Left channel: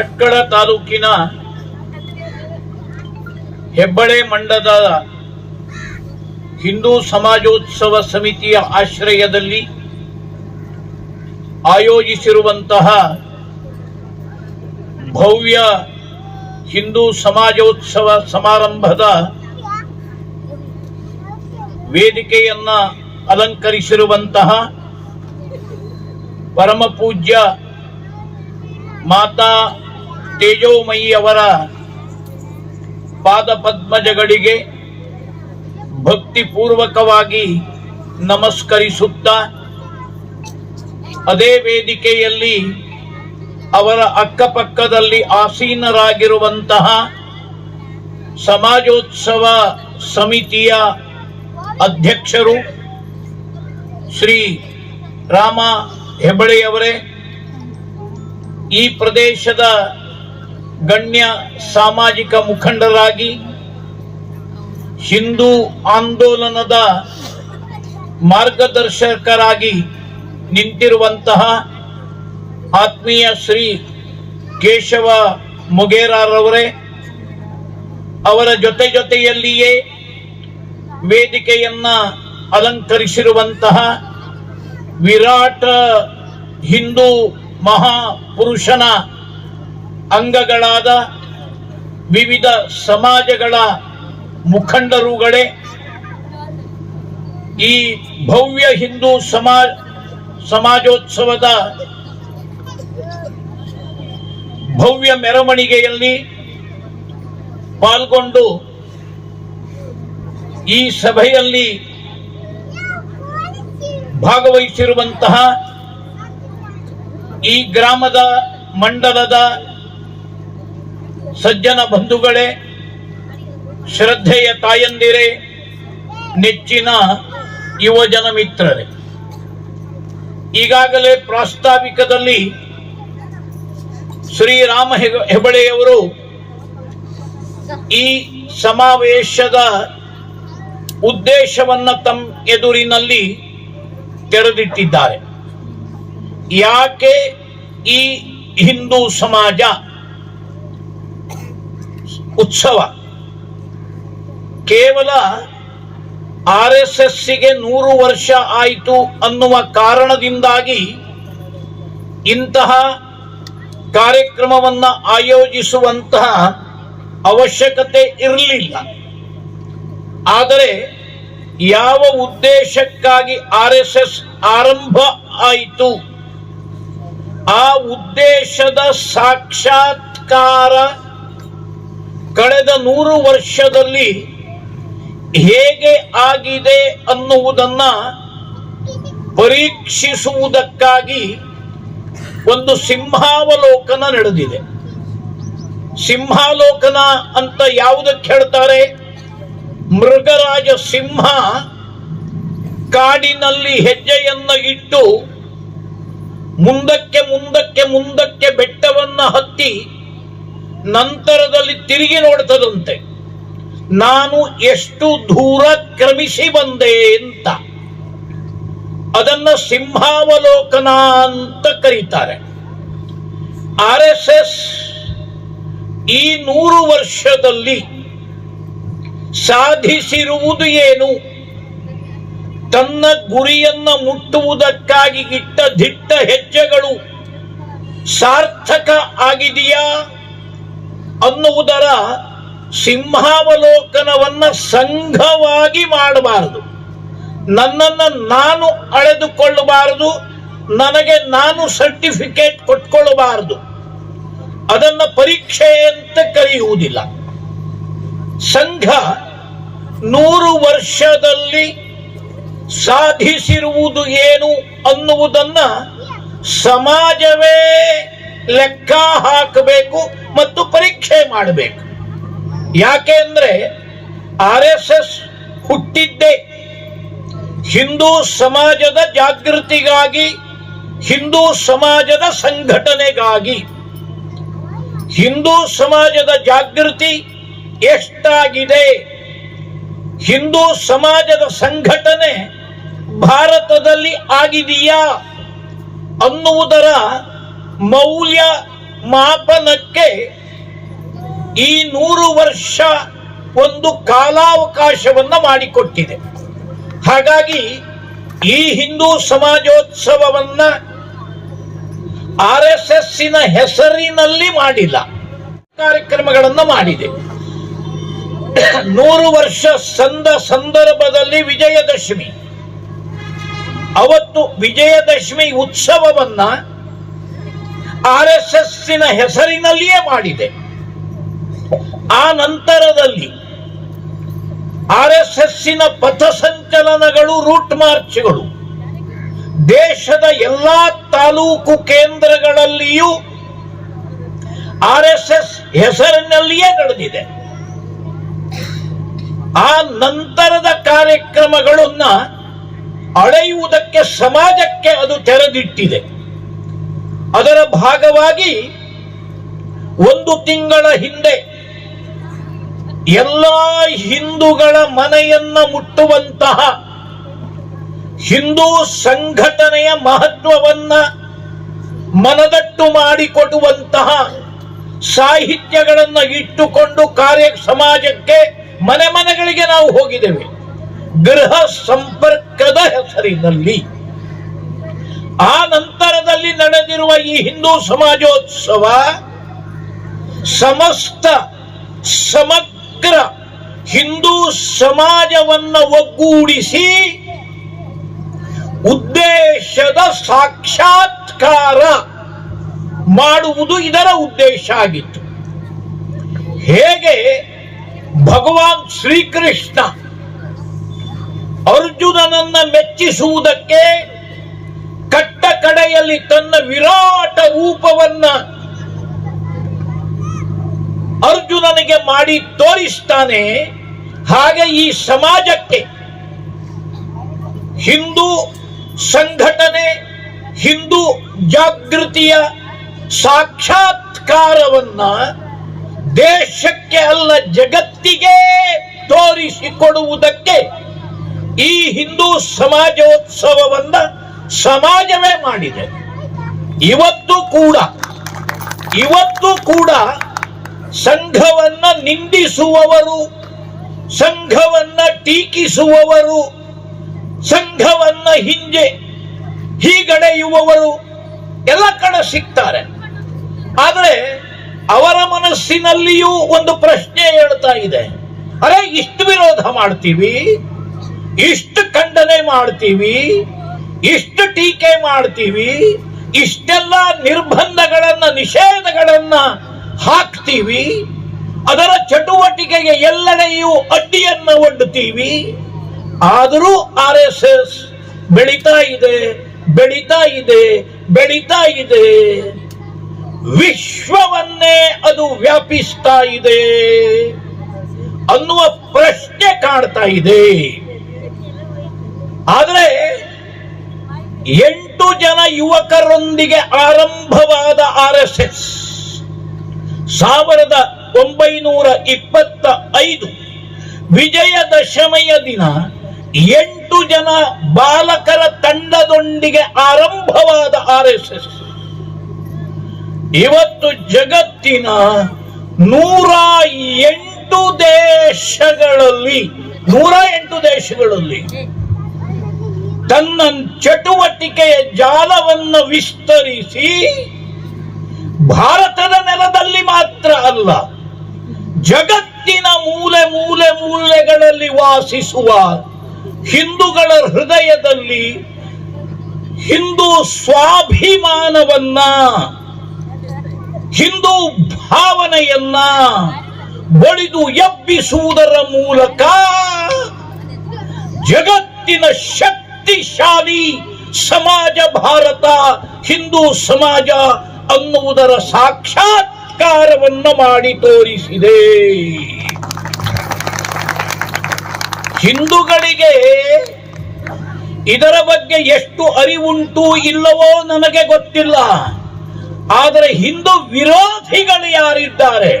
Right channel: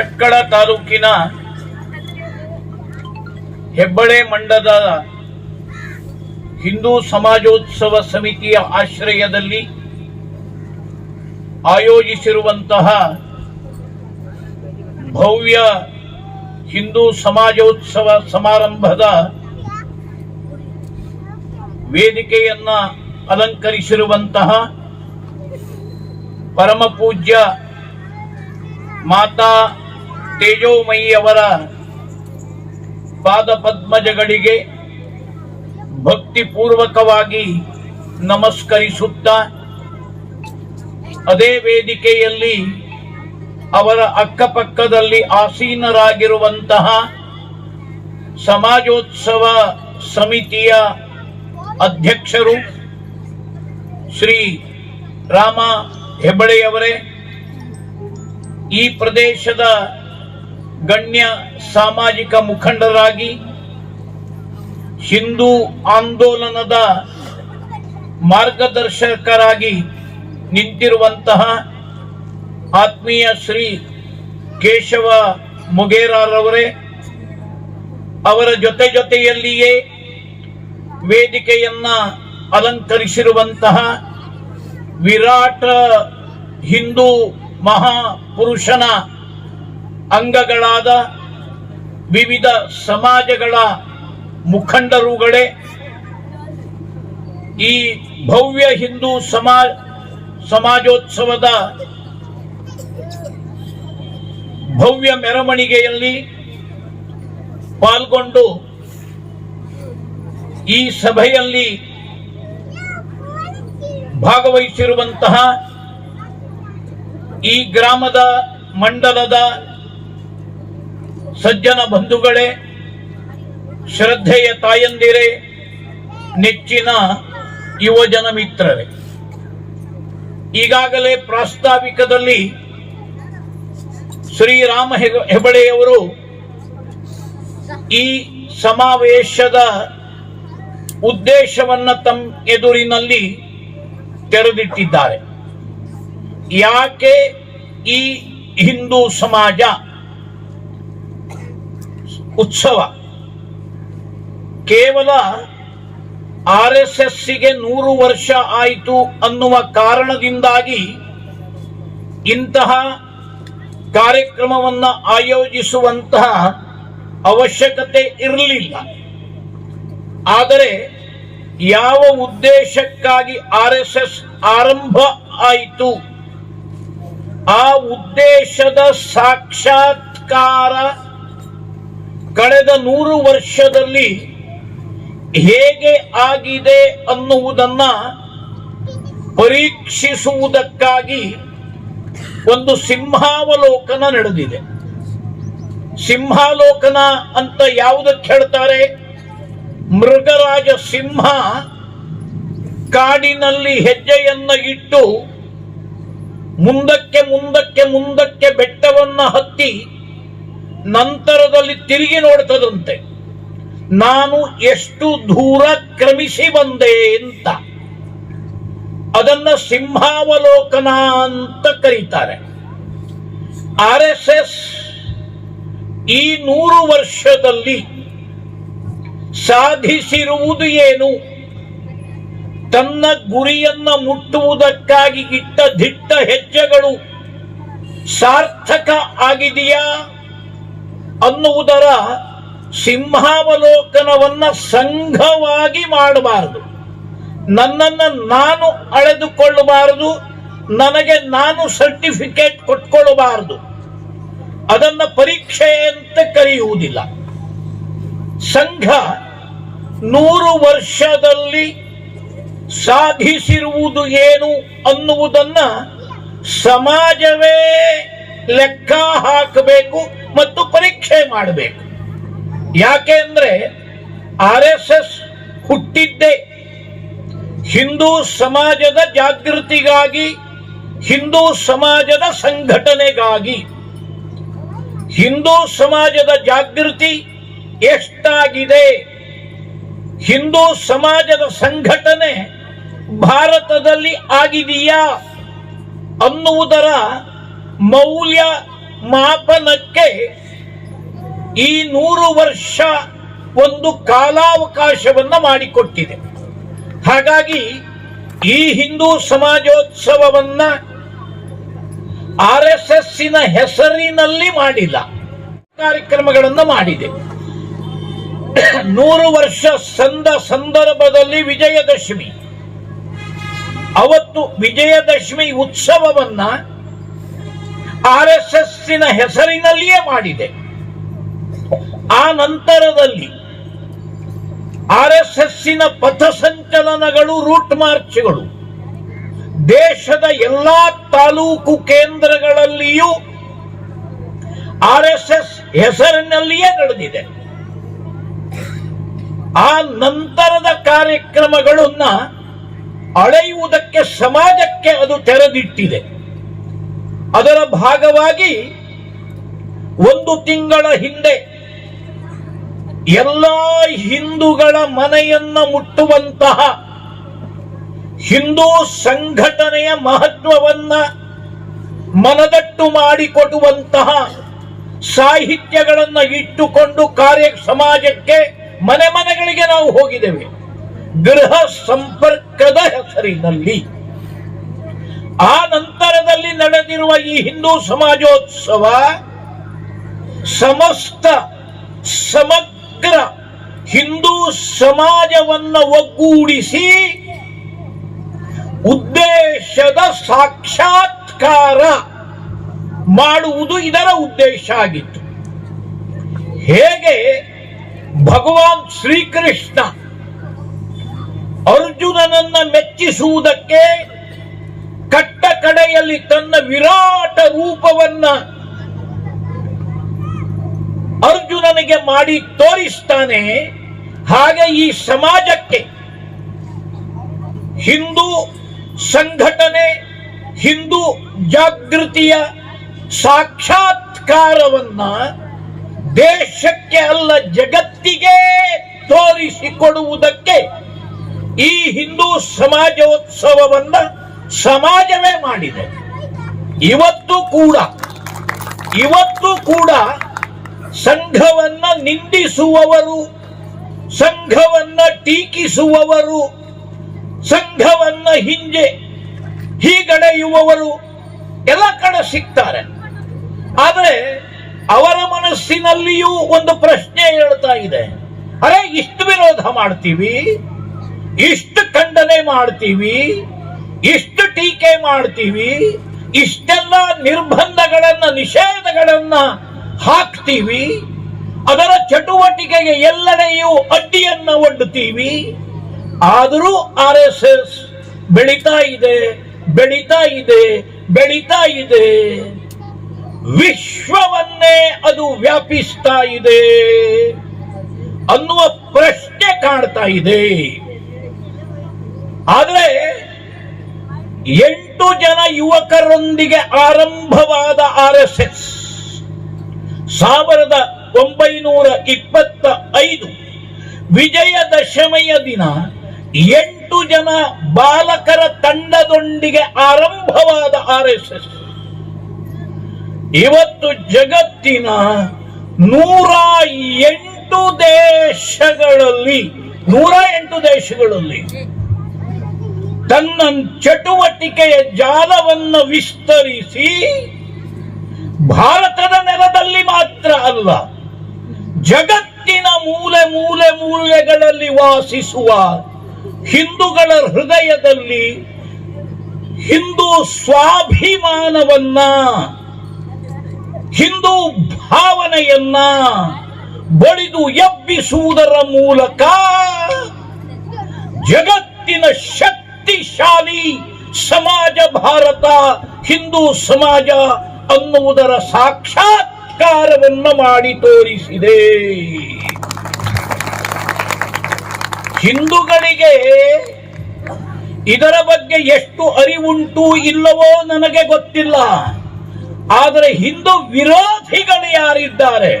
ಭಟ್ಕಳ ತಾಲೂಕಿನ ಹೆಬ್ಬಳೆ ಮಂಡಲದ ಹಿಂದೂ ಸಮಾಜೋತ್ಸವ ಸಮಿತಿಯ ಆಶ್ರಯದಲ್ಲಿ ಆಯೋಜಿಸಿರುವಂತಹ ಭವ್ಯ ಹಿಂದೂ ಸಮಾಜೋತ್ಸವ ಸಮಾರಂಭದ ವೇದಿಕೆಯನ್ನ ಅಲಂಕರಿಸಿರುವಂತಹ ಪರಮ ಪೂಜ್ಯ ಮಾತಾ ತೇಜೋಮಯಿಯವರ ಪಾದ ಪದ್ಮಜಗಳಿಗೆ ಭಕ್ತಿಪೂರ್ವಕವಾಗಿ ನಮಸ್ಕರಿಸುತ್ತಾ, ಅದೇ ವೇದಿಕೆಯಲ್ಲಿ ಅವರ ಅಕ್ಕಪಕ್ಕದಲ್ಲಿ ಆಸೀನರಾಗಿರುವಂತಹ ಸಮಾಜೋತ್ಸವ ಸಮಿತಿಯ ಅಧ್ಯಕ್ಷರು ಶ್ರೀ ರಾಮ ಹೆಬ್ಬಳೆಯವರೇ, ಈ ಪ್ರದೇಶದ ಗಣ್ಯ ಸಾಮಾಜಿಕ ಮುಖಂಡರಾಗಿ ಹಿಂದೂ ಆಂದೋಲನದ ಮಾರ್ಗದರ್ಶಕರಾಗಿ ನಿಂತಿರುವಂತಹ ಆತ್ಮೀಯ ಶ್ರೀ ಕೇಶವ ಮೊಗೇರಾರವರೇ, ಅವರ ಜೊತೆಯಲ್ಲಿಯೇ ವೇದಿಕೆಯನ್ನ ಅಲಂಕರಿಸಿರುವಂತಹ ವಿರಾಟ ಹಿಂದೂ ಮಹಾಪುರುಷನ ಅಂಗಗಳಾದ ವಿವಿಧ ಸಮಾಜಗಳ ಮುಖಂಡರುಗಳೇ, ಈ ಭವ್ಯ ಹಿಂದೂ ಸಮಾಜೋತ್ಸವದ ಭವ್ಯ ಮೆರವಣಿಗೆಯಲ್ಲಿ ಪಾಲ್ಗೊಂಡು ಈ ಸಭೆಯಲ್ಲಿ ಭಾಗವಹಿಸಿರುವಂತಹ ಈ ಗ್ರಾಮದ ಮಂಡಲದ ಸಜ್ಜನ ಬಂಧುಗಳೇ, ಶ್ರದ್ಧೆಯ ತಾಯಂದಿರೇ, ನೆಚ್ಚಿನ ಯುವಜನ ಮಿತ್ರರೇ, ಈಗಾಗಲೇ ಪ್ರಾಸ್ತಾವಿಕದಲ್ಲಿ ಶ್ರೀರಾಮ ಹೆಬ್ಬಳೆಯವರು ಈ ಸಮಾವೇಶದ ಉದ್ದೇಶವನ್ನ ತಮ್ಮ ಎದುರಿನಲ್ಲಿ ತೆರೆದಿಟ್ಟಿದ್ದಾರೆ. ಯಾಕೆ ಈ ಹಿಂದೂ ಸಮಾಜ ಉತ್ಸವ ಕೇವಲ RSSಗೆ 100 ವರ್ಷ ಆಯಿತು ಅನ್ನುವ ಕಾರಣದಿಂದಾಗಿ ಇಂತಹ ಕಾರ್ಯಕ್ರಮವನ್ನ ಆಯೋಜಿಸುವಂತಹ ಅವಶ್ಯಕತೆ ಇರಲಿಲ್ಲ. ಆದರೆ ಯಾವ ಉದ್ದೇಶಕ್ಕಾಗಿ RSS ಆರಂಭ ಆಯಿತು, ಆ ಉದ್ದೇಶದ ಸಾಕ್ಷಾತ್ಕಾರ ಕಳೆದ 100 ವರ್ಷದಲ್ಲಿ ಹೇಗೆ ಆಗಿದೆ ಅನ್ನುವುದನ್ನ ಪರೀಕ್ಷಿಸುವುದಕ್ಕಾಗಿ ಒಂದು ಸಿಂಹಾವಲೋಕನ ನಡೆದಿದೆ. ಸಿಂಹಾವಲೋಕನ ಅಂತ ಯಾವುದಕ್ಕೆ ಹೇಳ್ತಾರೆ? ಮೃಗರಾಜ ಸಿಂಹ ಕಾಡಿನಲ್ಲಿ ಹೆಜ್ಜೆಯನ್ನು ಇಟ್ಟು ಮುಂದಕ್ಕೆ ಮುಂದಕ್ಕೆ ಮುಂದಕ್ಕೆ ಬೆಟ್ಟವನ್ನ ಹತ್ತಿ ನಂತರದಲ್ಲಿ ತಿರುಗಿ ನೋಡ್ತದಂತೆ, ನಾನು ಎಷ್ಟು ದೂರ ಕ್ರಮಿಸಿ ಬಂದೆ ಅಂತ. ಅದನ್ನ ಸಿಂಹಾವಲೋಕನ ಅಂತ ಕರೀತಾರೆ. RSS ಈ 100 ವರ್ಷದಲ್ಲಿ ಸಾಧಿಸಿರುವುದು ಏನು? ತನ್ನ ಗುರಿಯನ್ನ ಮುಟ್ಟುವುದಕ್ಕಾಗಿ ಇಟ್ಟ ದಿಟ್ಟ ಹೆಜ್ಜೆಗಳು ಸಾರ್ಥಕ ಆಗಿದೆಯಾ ಅನ್ನುವುದರ ಸಿಂಹಾವಲೋಕನವನ್ನ ಸಂಘವಾಗಿ ಮಾಡಬಾರದು. ನನ್ನನ್ನು ನಾನು ಅಳೆದುಕೊಳ್ಳಬಾರದು, ನನಗೆ ನಾನು ಸರ್ಟಿಫಿಕೇಟ್ ಕೊಟ್ಕೊಳ್ಳಬಾರದು. ಅದನ್ನ ಪರೀಕ್ಷೆ ಅಂತ ಕರೆಯುವುದಿಲ್ಲ. ಸಂಘ 100 ವರ್ಷದಲ್ಲಿ ಸಾಧಿಸಿರುವುದು ಏನು ಅನ್ನುವುದನ್ನ ಸಮಾಜವೇ ಲೆಕ್ಕ ಹಾಕಬೇಕು ಮತ್ತು ಪರೀಕ್ಷೆ ಮಾಡಬೇಕು. ಯಾಕೆ ಅಂದ್ರೆ RSS ಹುಟ್ಟಿದ್ದೇ ಹಿಂದೂ ಸಮಾಜದ ಜಾಗೃತಿಗಾಗಿ, ಹಿಂದೂ ಸಮಾಜದ ಸಂಘಟನೆಗಾಗಿ. ಹಿಂದೂ ಸಮಾಜದ ಜಾಗೃತಿ ಎಷ್ಟಾಗಿದೆ, ಹಿಂದೂ ಸಮಾಜದ ಸಂಘಟನೆ ಭಾರತದಲ್ಲಿ ಆಗಿದೆಯಾ ಅನ್ನುವುದರ ಮೌಲ್ಯ ಮಾಪನಕ್ಕೆ ಈ 100 ವರ್ಷ ಒಂದು ಕಾಲಾವಕಾಶವನ್ನ ಮಾಡಿಕೊಟ್ಟಿದೆ. ಹಾಗಾಗಿ ಈ ಹಿಂದೂ ಸಮಾಜೋತ್ಸವವನ್ನ RSSನ ಹೆಸರಿನಲ್ಲಿ ಮಾಡಿಲ್ಲ, ಕಾರ್ಯಕ್ರಮಗಳನ್ನು ಮಾಡಿದೆ. 100 ವರ್ಷ ಸಂದರ್ಭದಲ್ಲಿ ವಿಜಯದಶಮಿ, ಅವತ್ತು ವಿಜಯದಶಮಿ ಉತ್ಸವವನ್ನ RSSನ ಹೆಸರಿನಲ್ಲಿಯೇ ಮಾಡಿದೆ. ಆ ನಂತರದಲ್ಲಿ RSSನ ಪಥಸಂಚಲನಗಳು, ರೂಟ್ ಮಾರ್ಚ್ಗಳು ದೇಶದ ಎಲ್ಲಾ ತಾಲೂಕು ಕೇಂದ್ರಗಳಲ್ಲಿಯೂ RSS ಹೆಸರಿನಲ್ಲಿಯೇ ನಡೆದಿದೆ. ಆ ನಂತರದ ಕಾರ್ಯಕ್ರಮಗಳನ್ನ ಅಳೆಯುವುದಕ್ಕೆ ಸಮಾಜಕ್ಕೆ ಅದು ತೆರೆದಿಟ್ಟಿದೆ. ಅದರ ಭಾಗವಾಗಿ 1 ತಿಂಗಳ ಹಿಂದೆ ಎಲ್ಲ ಹಿಂದೂಗಳ ಮನೆಯನ್ನ ಮುಟ್ಟುವಂತಹ ಹಿಂದೂ ಸಂಘಟನೆಯ ಮಹತ್ವವನ್ನ ಮನದಟ್ಟು ಮಾಡಿಕೊಡುವಂತಹ ಸಾಹಿತ್ಯಗಳನ್ನ ಇಟ್ಟುಕೊಂಡು ಸಮಾಜಕ್ಕೆ ಮನೆ ಮನೆಗಳಿಗೆ ನಾವು ಹೋಗಿದ್ದೇವೆ, ಗೃಹ ಸಂಪರ್ಕದ ಹೆಸರಿನಲ್ಲಿ. ಆ ನಂತರದಲ್ಲಿ ನಡೆದಿರುವ ಈ ಹಿಂದೂ ಸಮಾಜೋತ್ಸವ ಸಮಗ್ರ ಹಿಂದೂ ಸಮಾಜವನ್ನ ಒಗ್ಗೂಡಿಸಿ ಉದ್ದೇಶದ ಸಾಕ್ಷಾತ್ಕಾರ ಮಾಡುವುದು ಇದರ ಉದ್ದೇಶ ಆಗಿತ್ತು. ಹೇಗೆ ಭಗವಾನ್ ಶ್ರೀಕೃಷ್ಣ ಅರ್ಜುನನನ್ನ ಮೆಚ್ಚಿಸುವುದಕ್ಕೆ ಕಟ್ಟ ಕಡೆಯಲ್ಲಿ ತನ್ನ ವಿರಾಟ ರೂಪವನ್ನ ಅರ್ಜುನನಿಗೆ ಮಾಡಿ ತೋರಿಸ್ತಾನೆ, ಹಾಗೆ ಈ ಸಮಾಜಕ್ಕೆ ಹಿಂದೂ ಸಂಘಟನೆ, ಹಿಂದೂ ಜಾಗೃತಿಯ ಸಾಕ್ಷಾತ್ಕಾರವನ್ನ ದೇಶಕ್ಕೆ ಅಲ್ಲ ಜಗತ್ತಿಗೆ ತೋರಿಸಿಕೊಡುವುದಕ್ಕೆ ಈ ಹಿಂದೂ ಸಮಾಜೋತ್ಸವವನ್ನ ಸಮಾಜವೇ ಮಾಡಿದೆ. ಇವತ್ತು ಕೂಡ ಸಂಘವನ್ನ ನಿಂದಿಸುವವರು, ಸಂಘವನ್ನ ಟೀಕಿಸುವವರು, ಸಂಘವನ್ನ ಹೀಗಡೆಯುವವರು ಎಲ್ಲ ಕಡೆ ಸಿಗ್ತಾರೆ. ಆದರೆ ಅವರ ಮನಸ್ಸಿನಲ್ಲಿಯೂ ಒಂದು ಪ್ರಶ್ನೆ ಹೇಳ್ತಾ ಇದೆ, ಅರೆ ಇಷ್ಟು ವಿರೋಧ ಮಾಡ್ತೀವಿ, ಇಷ್ಟು ಖಂಡನೆ ಮಾಡ್ತೀವಿ, ಇಷ್ಟು ಟೀಕೆ ಮಾಡ್ತೀವಿ, ಇಷ್ಟೆಲ್ಲ ನಿರ್ಬಂಧಗಳನ್ನ ನಿಷೇಧಗಳನ್ನ ಹಾಕ್ತೀವಿ, ಅದರ ಚಟುವಟಿಕೆಗೆ ಎಲ್ಲೆಡೆಯೂ ಅಡ್ಡಿಯನ್ನ ಒಡ್ಡುತ್ತೀವಿ, ಆದರೂ RSS ಬೆಳೀತಾ ಇದೆ, ವಿಶ್ವವನ್ನೇ ಅದು ವ್ಯಾಪಿಸ್ತಾ ಇದೆ ಅನ್ನುವ ಪ್ರಶ್ನೆ ಕಾಡ್ತಾ ಇದೆ. ಆದರೆ 8 ಜನ ಯುವಕರೊಂದಿಗೆ ಆರಂಭವಾದ RSS 1925 ವಿಜಯದಶಮಿಯ ದಿನ 8 ಜನ ಬಾಲಕರ ತಂಡದೊಂದಿಗೆ ಆರಂಭವಾದ RSS ಇವತ್ತು ಜಗತ್ತಿನ 108 ದೇಶಗಳಲ್ಲಿ ತನ್ನ ಚಟುವಟಿಕೆಯ ಜಾಲವನ್ನು ವಿಸ್ತರಿಸಿ ಭಾರತದ ನೆಲದಲ್ಲಿ ಮಾತ್ರ ಅಲ್ಲ, ಜಗತ್ತಿನ ಮೂಲೆಗಳಲ್ಲಿ ವಾಸಿಸುವ ಹಿಂದೂಗಳ ಹೃದಯದಲ್ಲಿ ಹಿಂದೂ ಸ್ವಾಭಿಮಾನವನ್ನ, ಹಿಂದೂ ಭಾವನೆಯನ್ನ ಬಡಿದು ಎಬ್ಬಿಸುವುದರ ಮೂಲಕ ಜಗತ್ತಿನ ಶಕ್ತಿಶಾಲಿ ಸಮಾಜ ಭಾರತ ಹಿಂದೂ ಸಮಾಜ ಅನ್ನುವುದರ ಸಾಕ್ಷಾತ್ಕಾರವನ್ನು ಮಾಡಿ ತೋರಿಸಿದೆ. ಹಿಂದೂಗಳಿಗೆ ಇದರ ಬಗ್ಗೆ ಎಷ್ಟು ಅರಿವುಂಟು ಇಲ್ಲವೋ ನನಗೆ ಗೊತ್ತಿಲ್ಲ. ಆದರೆ ಹಿಂದೂ ವಿರೋಧಿಗಳು ಯಾರಿದ್ದಾರೆ,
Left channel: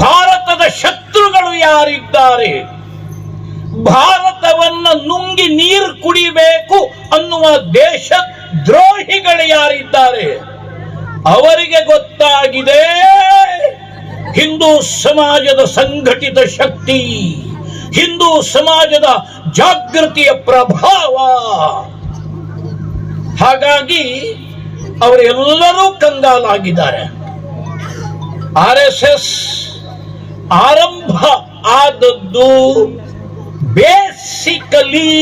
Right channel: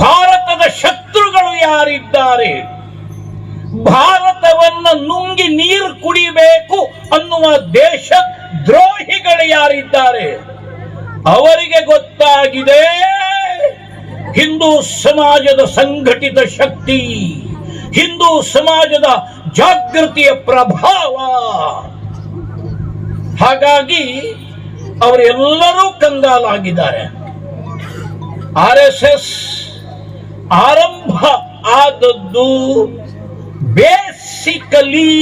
ಭಾರತದ ಶತ್ರುಗಳು ಯಾರಿದ್ದಾರೆ, ಭಾರತವನ್ನ ನುಂಗಿ ನೀರು ಕುಡಿಬೇಕು ಅನ್ನುವ ದೇಶ ದ್ರೋಹಿಗಳು ಯಾರಿದ್ದಾರೆ, ಅವರಿಗೆ ಗೊತ್ತಾಗಿದೆ ಹಿಂದೂ ಸಮಾಜದ ಸಂಘಟಿತ ಶಕ್ತಿ, ಹಿಂದೂ ಸಮಾಜದ ಜಾಗೃತಿಯ ಪ್ರಭಾವ. ಹಾಗಾಗಿ ಅವರೆಲ್ಲರೂ ಕಂಗಾಲಾಗಿದ್ದಾರೆ. RSS ಆರಂಭ ಆದದ್ದು ಬೇಸಿಕಲಿ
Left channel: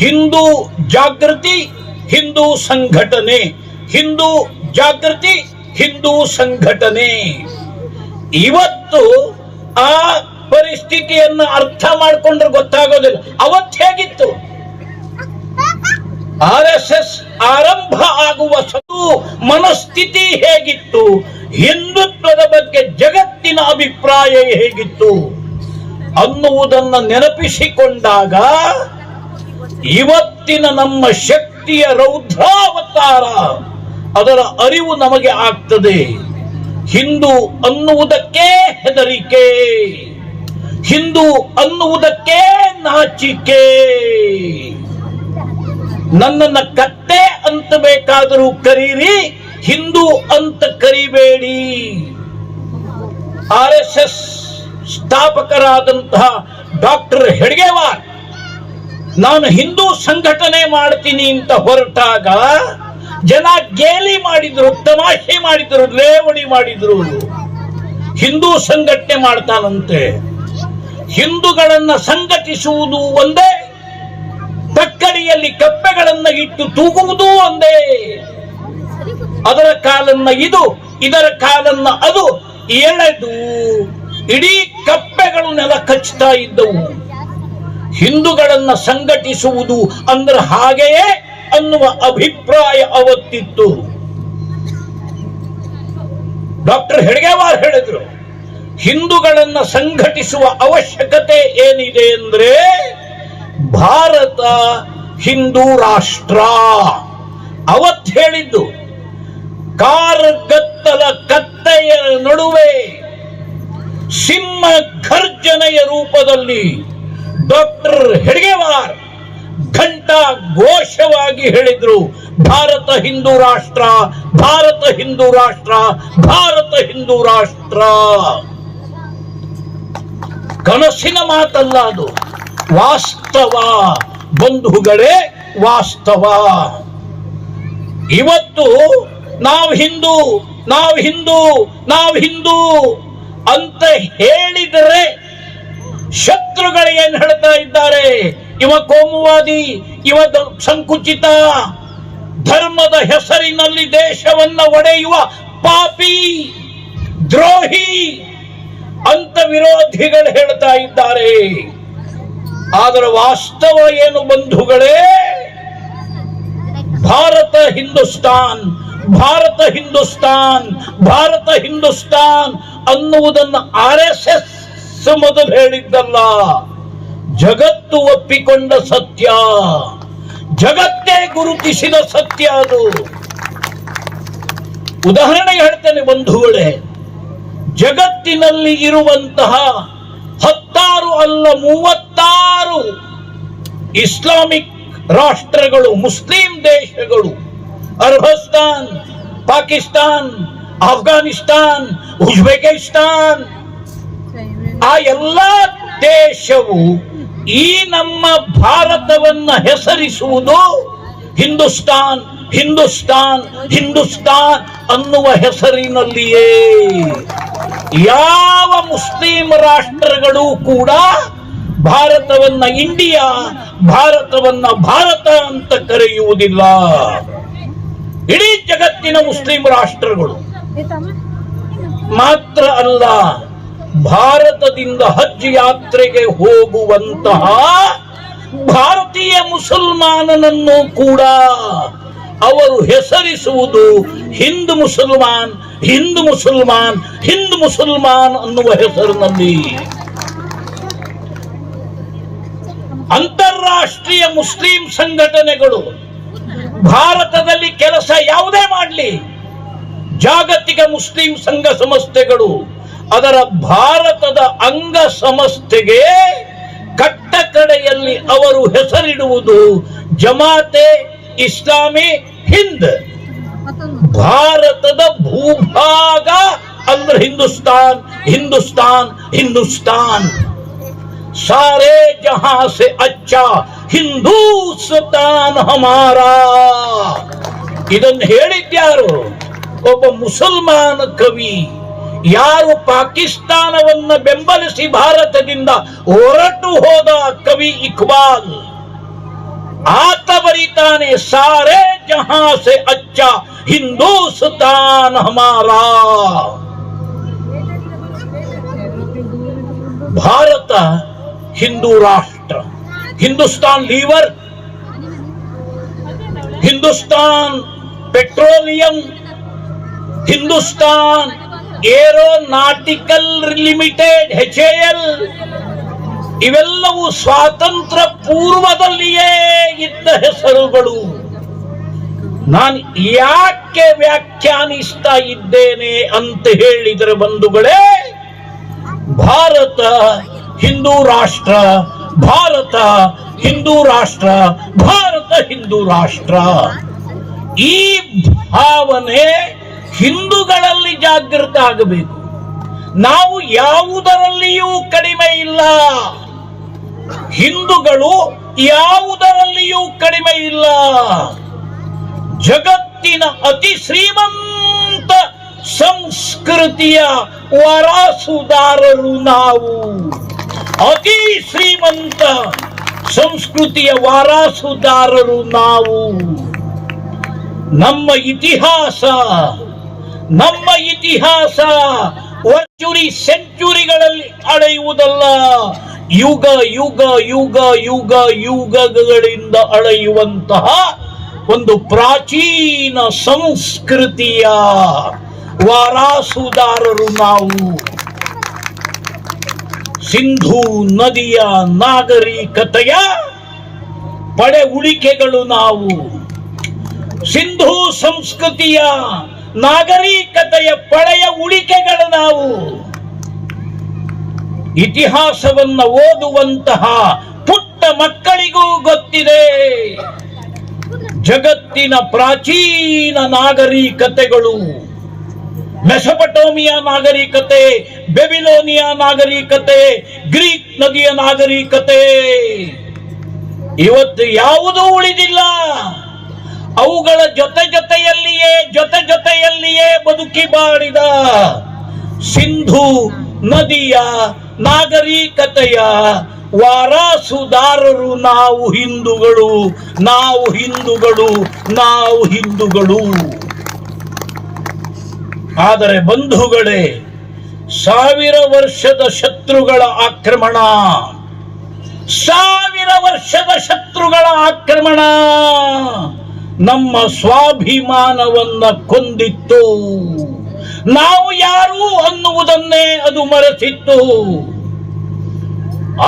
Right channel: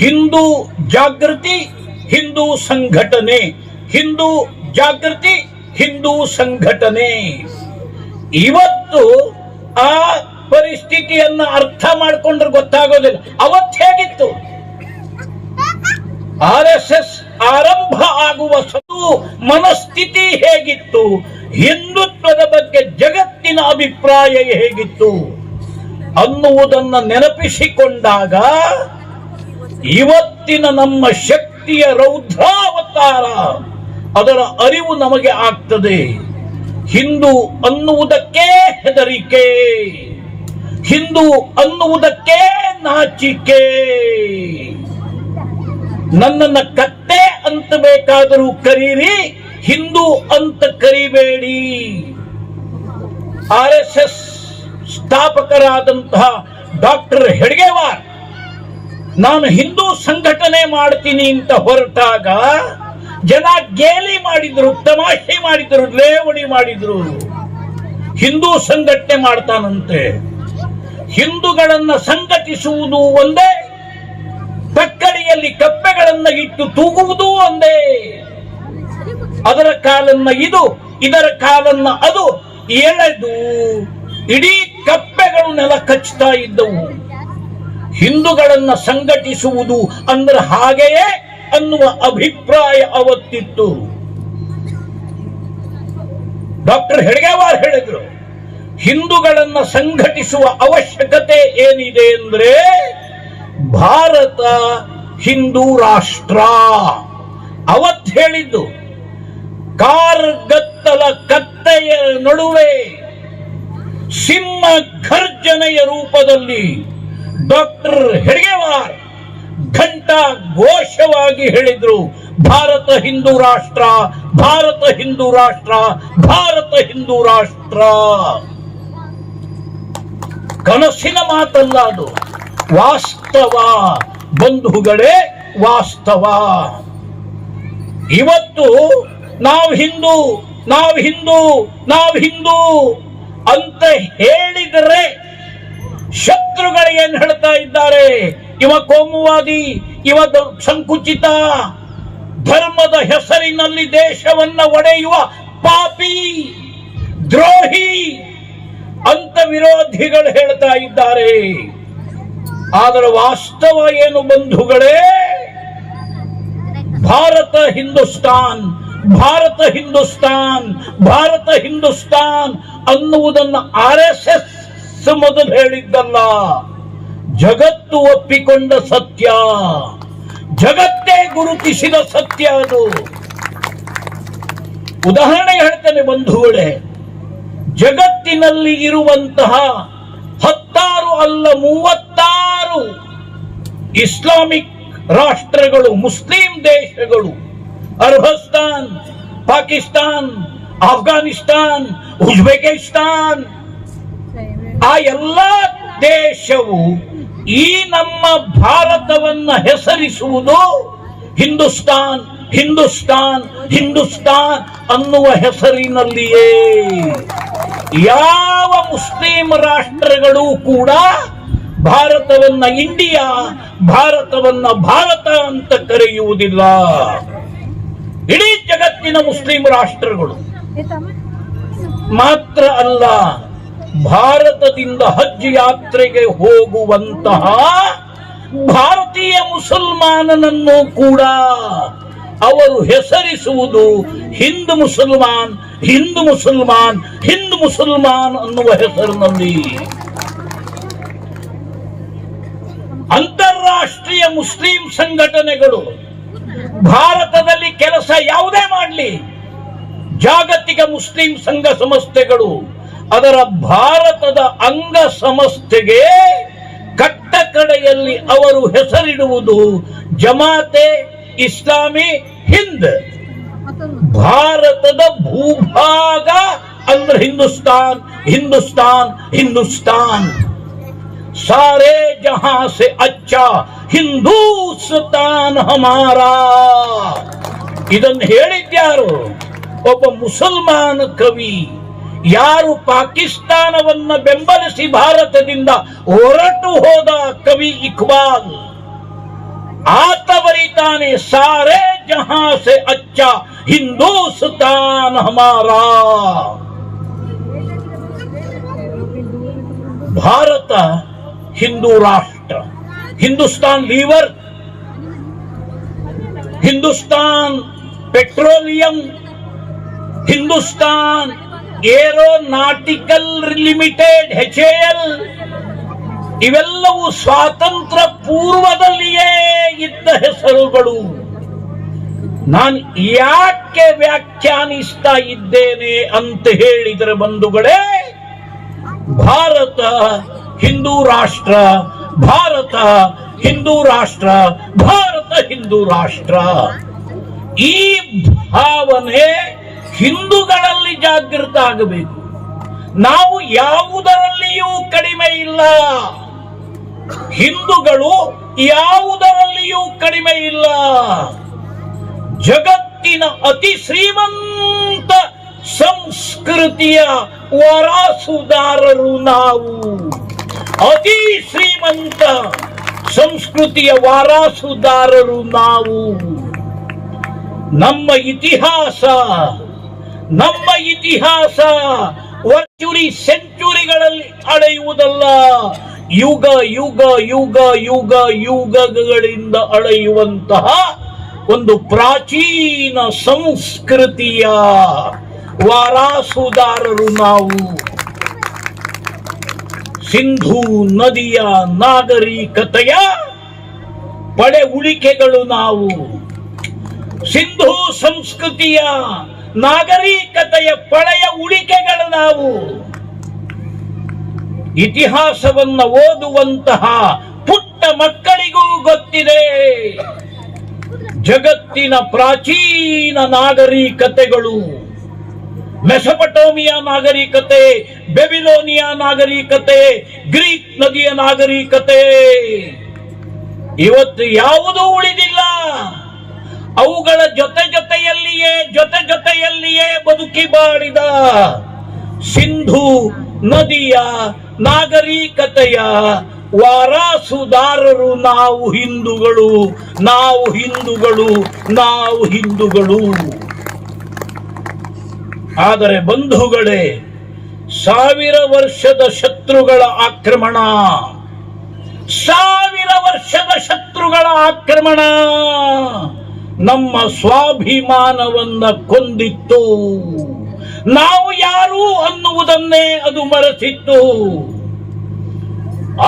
ಹಿಂದೂ ಜಾಗೃತಿ, ಹಿಂದೂ ಸಂಘಟನೆ, ಹಿಂದೂ ಜಾಗೃತಿ, ಹಿಂದೂ ಸಂಘಟನೆ. ಇವತ್ತು ಆ ಪರಿಸ್ಥಿತಿಯನ್ನ ಅರ್ಥ ಮಾಡಿಕೊಂಡ್ರೆ ಗೊತ್ತಾಗೋದಿಲ್ಲ. ಅವತ್ತು ಹೇಗಿತ್ತು? RSS ಆರಂಭ ಆಗುವ ಮನಸ್ಥಿತಿ ಹೇಗಿತ್ತು? ಹಿಂದುತ್ವದ ಬಗ್ಗೆ ಜಗತ್ತಿನ ಅಭಿಪ್ರಾಯ ಹೇಗಿತ್ತು ಅನ್ನುವುದನ್ನು ನೆನಪಿಸಿಕೊಂಡಾಗ ಇವತ್ತಿನ ನಮ್ಮ ಶಕ್ತಿಯ ರೌದ್ರಾವತಾರ ಅದರ ಅರಿವು ನಮಗೆ ಆಗ್ತದೆ. ಹಿಂದೂ ಅನ್ನುವುದಕ್ಕೆ ಹೆದರಿಕೆ, ಹಿಂದೂ ಅನ್ನುವುದಕ್ಕೆ ನಾಚಿಕೆ. ನನ್ನನ್ನ ಕತ್ತೆ ಅಂತ ಬೇಕಾದರೂ ಕರೀರಿ, ಹಿಂದೂ ಅಂತ ಕರಿಬೇಡಿ. RSS ಸ್ಥಾಪಕರಾದಂತಹ ಡಾಕ್ಟರ್ ಹೆಡ್ಗೇವಾರ್ ನಾನು ಹಿಂದೂ ಸಂಘಟನೆ ಮಾಡ್ತೀನಿ ಅಂತ ಹೊರಟಾಗ ಜನ ಗೇಲಿ ಮಾಡಿದ್ರು, ತಮಾಷೆ ಮಾಡಿದ್ರು, ಲೇವಡಿ ಮಾಡಿದ್ರು. ಹಿಂದೂ ಸಂಘಟನೆ ಮಾಡ್ತಾನಂತೆ. ಹಿಂದೂಗಳನ್ನ ಸಂಘಟಿಸುವುದು ಒಂದೇ, ತಕ್ಕಡಿಯಲ್ಲಿ ಕಪ್ಪೆಗಳನ್ನ ಇಟ್ಟು ತೂಗುವುದು ಒಂದೇ. ಅದರ ಕಾಲನ್ನ ಇದು, ಇದರ ಕಾಲನ್ನ ಅದು ಎಳೆದು ಇಡೀ ಕಪ್ಪೆಗಳನ್ನೆಲ್ಲ ಕಚ್ಚುತ್ತಾ ಇದ್ದವು. ಹಿಂದೂಗಳನ್ನ ಸಂಘಟಿಸುವುದು ಅಂದ್ರೆ ಹಾಗೆಯೇ ಅನ್ನುವ ಅಭಿಪ್ರಾಯ ಅವತ್ತಿತ್ತು. ಡಾಕ್ಟರ್ ಹೆಡ್ಗೇವಾರ್ ಹೇಳಿದ್ರು, ಹಿಂದೂಗಳನ್ನ ಸಂಘಟಿಸುವ ಅವಶ್ಯಕತೆ ಏನಿದೆ ಅಂದ್ರೆ ಭಾರತ ಹಿಂದೂ ರಾಷ್ಟ್ರ. ಅವತ್ತು ಹೇಳಿದ್ದು ಕಾರ್ಗತ್ತಲ ಕತ್ತೆಯ ನಡುವೆ ಸಿಂಹ ಘರ್ಜನೆಯ ರೂಪದಲ್ಲಿ ಡಾಕ್ಟರ್ ಹೆಡ್ಗೇವಾರ್ ಘಂಟಾ ಘೋಷವಾಗಿ ಹೇಳಿದ್ರು, ಭಾರತ ಹಿಂದೂ ರಾಷ್ಟ್ರ, ಭಾರತ ಹಿಂದೂ ರಾಷ್ಟ್ರ, ಭಾರತ ಹಿಂದೂ ರಾಷ್ಟ್ರ. ಕನಸಿನ ಮಾತಲ್ಲ, ಅದು ವಾಸ್ತವ ಬಂಧುಗಳೇ, ವಾಸ್ತವ. ಇವತ್ತು ನಾವು ಹಿಂದೂ, ನಾವು ಹಿಂದೂ, ನಾವು ಹಿಂದೂ ಅಂತ ಹೇಳಿದರೆ ಶತ್ರುಗಳು ಏನ್ ಹೇಳ್ತಾ ಇದ್ದಾರೆ? ಇವ ಕೋಮುವಾದಿ, ಇವ ಸಂಕುಚಿತ, ಧರ್ಮದ ಹೆಸರಿನಲ್ಲಿ ದೇಶವನ್ನ ಒಡೆಯುವ ಪಾಪಿ, ದ್ರೋಹಿ ಅಂತ ವಿರೋಧಿಗಳು ಹೇಳ್ತಾ ಇದ್ದಾರೆ. ಆದರೆ ವಾಸ್ತವ ಏನು ಬಂಧುಗಳೇ? ಭಾರತ ಹಿಂದೂಸ್ತಾನ್, ಭಾರತ ಹಿಂದೂಸ್ತಾನ್, ಭಾರತ ಹಿಂದೂಸ್ತಾನ್ ಅನ್ನುವುದನ್ನು RSS ಮೊದಲು ಹೇಳಿದ್ದಲ್ಲ, ಜಗತ್ತು ಒಪ್ಪಿಕೊಂಡ ಸತ್ಯ, ಜಗತ್ತೇ ಗುರುತಿಸಿದ ಸತ್ಯ ಅದು. ಉದಾಹರಣೆ ಹೇಳ್ತೇನೆ ಬಂಧುಗಳೇ, ಜಗತ್ತಿನಲ್ಲಿ ಇರುವಂತಹ 16 ಅಲ್ಲ 36 ಇಸ್ಲಾಮಿಕ್ ರಾಷ್ಟ್ರಗಳು, ಮುಸ್ಲಿಂ ದೇಶಗಳು, ಅರ್ಬಸ್ತಾನ್, ಪಾಕಿಸ್ತಾನ್, ಅಫ್ಘಾನಿಸ್ತಾನ್, ಉಜ್ಬೇಕಿಸ್ತಾನ್, ಆ ಎಲ್ಲ ದೇಶವು ಈ ನಮ್ಮ ಭಾರತವನ್ನ ಹೆಸರಿಸುವುದು ಹಿಂದೂಸ್ತಾನ್, ಹಿಂದೂಸ್ತಾನ್, ಹಿಂದೂಸ್ತಾನ್ ಅನ್ನುವ ಹೆಸರಿನಲ್ಲಿಯೇ. ಯಾವ ಮುಸ್ಲಿಂ ರಾಷ್ಟ್ರಗಳು ಕೂಡ ಭಾರತವನ್ನ ಇಂಡಿಯಾ, ಭಾರತವನ್ನ ಭಾರತ ಅಂತ ಕರೆಯುವುದಿಲ್ಲ. ಇಡೀ ಜಗತ್ತಿನ ಮುಸ್ಲಿಂ ರಾಷ್ಟ್ರಗಳು ಮಾತ್ರ ಅಲ್ಲ, ಭಾರತದಿಂದ ಹಜ್ ಯಾತ್ರೆಗೆ ಹೋಗುವಂತಹ ಭಾರತೀಯ ಮುಸಲ್ಮಾನನನ್ನು ಕೂಡ ಅವರು ಹೆಸರಿಸುವುದು ಹಿಂದೂ ಮುಸಲ್ಮಾನ್, ಹಿಂದೂ ಮುಸಲ್ಮಾನ್, ಹಿಂದೂ ಮುಸಲ್ಮಾನ್ ಅನ್ನುವ ಹೆಸರಿನಲ್ಲಿ. ಅಂತಾರಾಷ್ಟ್ರೀಯ ಮುಸ್ಲಿಂ ಸಂಘಟನೆಗಳು ಭಾರತದಲ್ಲಿ ಕೆಲಸ ಯಾವುದೇ ಮಾಡಲಿ, ಜಾಗತಿಕ ಮುಸ್ಲಿಂ ಸಂಘ ಸಂಸ್ಥೆಗಳು ಅದರ ಭಾರತದ ಅಂಗ ಸಂಸ್ಥೆಗೆ ಕಟ್ಟ ಕಡೆಯಲ್ಲಿ ಅವರು ಹೆಸರಿಡುವುದು ಜಮಾತೆ ಇಸ್ಲಾಮಿ ಹಿಂದ್. ಭಾರತದ ಭೂಭಾಗ ಅಂದ್ರೆ ಹಿಂದೂಸ್ತಾನ್ ಹಿಂದೂಸ್ತಾನ್ ಹಿಂದೂಸ್ತಾನ್. ಸಾರೇ ಜಹಾಂ ಸೆ ಅಚ್ಚಾ ಹಿಂದೂಸ್ತಾನ್ ಹಮಾರಾ. ಇದನ್ನು ಹೇಳಿದ್ಯಾರು? ಒಬ್ಬ ಮುಸಲ್ಮಾನ ಕವಿ. ಯಾರು ಪಾಕಿಸ್ತಾನವನ್ನ ಬೆಂಬಲಿಸಿ ಭಾರತದಿಂದ ಹೊರಟು ಹೋದ ಕವಿ ಇಕ್ಬಾಲ್, ಆತ ಬರೀತಾನೆ ಸಾರೇ ಜಹಾಂ ಸೆ ಅಚ್ಚಾ ಹಿಂದೂಸ್ತಾನ್ ಹಮಾರಾ. ಭಾರತ ಹಿಂದೂ ರಾಷ್ಟ್ರ. Hindustan Lever, Hindustan Petroleum, Hindustan Aeronautical Limited HAL, ಇವೆಲ್ಲವೂ ಸ್ವಾತಂತ್ರ್ಯ ಪೂರ್ವದಲ್ಲಿಯೇ ಇದ್ದ ಹೆಸರುಗಳು. ನಾನು ಯಾಕೆ ವ್ಯಾಖ್ಯಾನಿಸ್ತಾ ಇದ್ದೇನೆ ಅಂತ ಹೇಳಿದರೆ ಬಂಧುಗಳೇ, ಭಾರತ ಹಿಂದೂ ರಾಷ್ಟ್ರ, ಭಾರತ ಹಿಂದೂ ರಾಷ್ಟ್ರ, ಭಾರತ ಹಿಂದೂ ರಾಷ್ಟ್ರ. ಈ ಭಾವನೆ ಹಿಂದೂಗಳಲ್ಲಿ ಜಾಗೃತ ಆಗಬೇಕು. ನಾವು ಯಾವುದರಲ್ಲಿಯೂ ಕಡಿಮೆ ಇಲ್ಲ. ಹಿಂದೂಗಳು ಯಾವುದರಲ್ಲಿಯೂ ಕಡಿಮೆ ಇಲ್ಲ. ಜಗತ್ತಿನ ಅತಿ ಶ್ರೀಮಂತ ಸಂಸ್ಕೃತಿಯ ವಾರಸುದಾರರು ನಾವು. ಅತಿ ಶ್ರೀಮಂತ ಸಂಸ್ಕೃತಿಯ ವಾರಸುದಾರರು ನಾವು. ನಮ್ಮ ಇತಿಹಾಸ ಸೆಂಚುರಿಗಳಲ್ಲಿ ಅಳೆಯುವುದಲ್ಲ, ಯುಗ ಯುಗ ಯುಗ ಯುಗ ಯುಗಗಳಿಂದ ಅಳೆಯುವಂತಹ ಒಂದು ಪ್ರಾಚೀನ ಸಂಸ್ಕೃತಿಯ ವಾರಸುದಾರರು ನಾವು. ಸಿಂಧೂ ನದಿಯ ನಾಗರಿಕತೆಯ ಪಡೆ ಉಳಿಕೆಗಳು ನಾವು. ಸಿಂಧೂ ಸಂಸ್ಕೃತಿಯ ನಾಗರಿಕತೆಯ ಪಳೆಯ ಉಳಿಕೆಗಳು ನಾವು. ಇತಿಹಾಸವನ್ನ ಓದುವಂತಹ ಪುಟ್ಟ ಮಕ್ಕಳಿಗೂ ಗೊತ್ತಿದೆ, ಜಗತ್ತಿನ ಪ್ರಾಚೀನ ನಾಗರಿಕತೆಗಳು, ಮೆಸೊಪಟೋಮಿಯಾ ನಾಗರಿಕತೆ, ಬೆಬಿಲೋನಿಯಾ ನಾಗರಿಕತೆ, ಗ್ರೀಕ್ ನದಿಯ ನಾಗರಿಕತೆ, ಇವತ್ತು ಯಾವುದೂ ಉಳಿದಿಲ್ಲ. ಅವುಗಳ ಜೊತೆಯಲ್ಲಿಯೇ ಬದುಕಿ ಬಾಳಿದ ಸಿಂಧೂ ನದಿಯ ನಾಗರಿಕತೆಯ ವಾರಸುದಾರರು ನಾವು ಹಿಂದೂಗಳು, ನಾವು ಹಿಂದೂಗಳು, ನಾವು ಹಿಂದೂಗಳು. ಆದರೆ ಬಂಧುಗಳೇ, 1000 ವರ್ಷದ ಶತ್ರುಗಳ ಆಕ್ರಮಣ, 1000 ವರ್ಷದ ಶತ್ರುಗಳ ಆಕ್ರಮಣ ನಮ್ಮ ಸ್ವಾಭಿಮಾನವನ್ನ ಕೊಂದಿತ್ತು. ನಾವು ಯಾರು ಅನ್ನುವುದನ್ನೇ ಅದು ಮರೆತಿತ್ತು.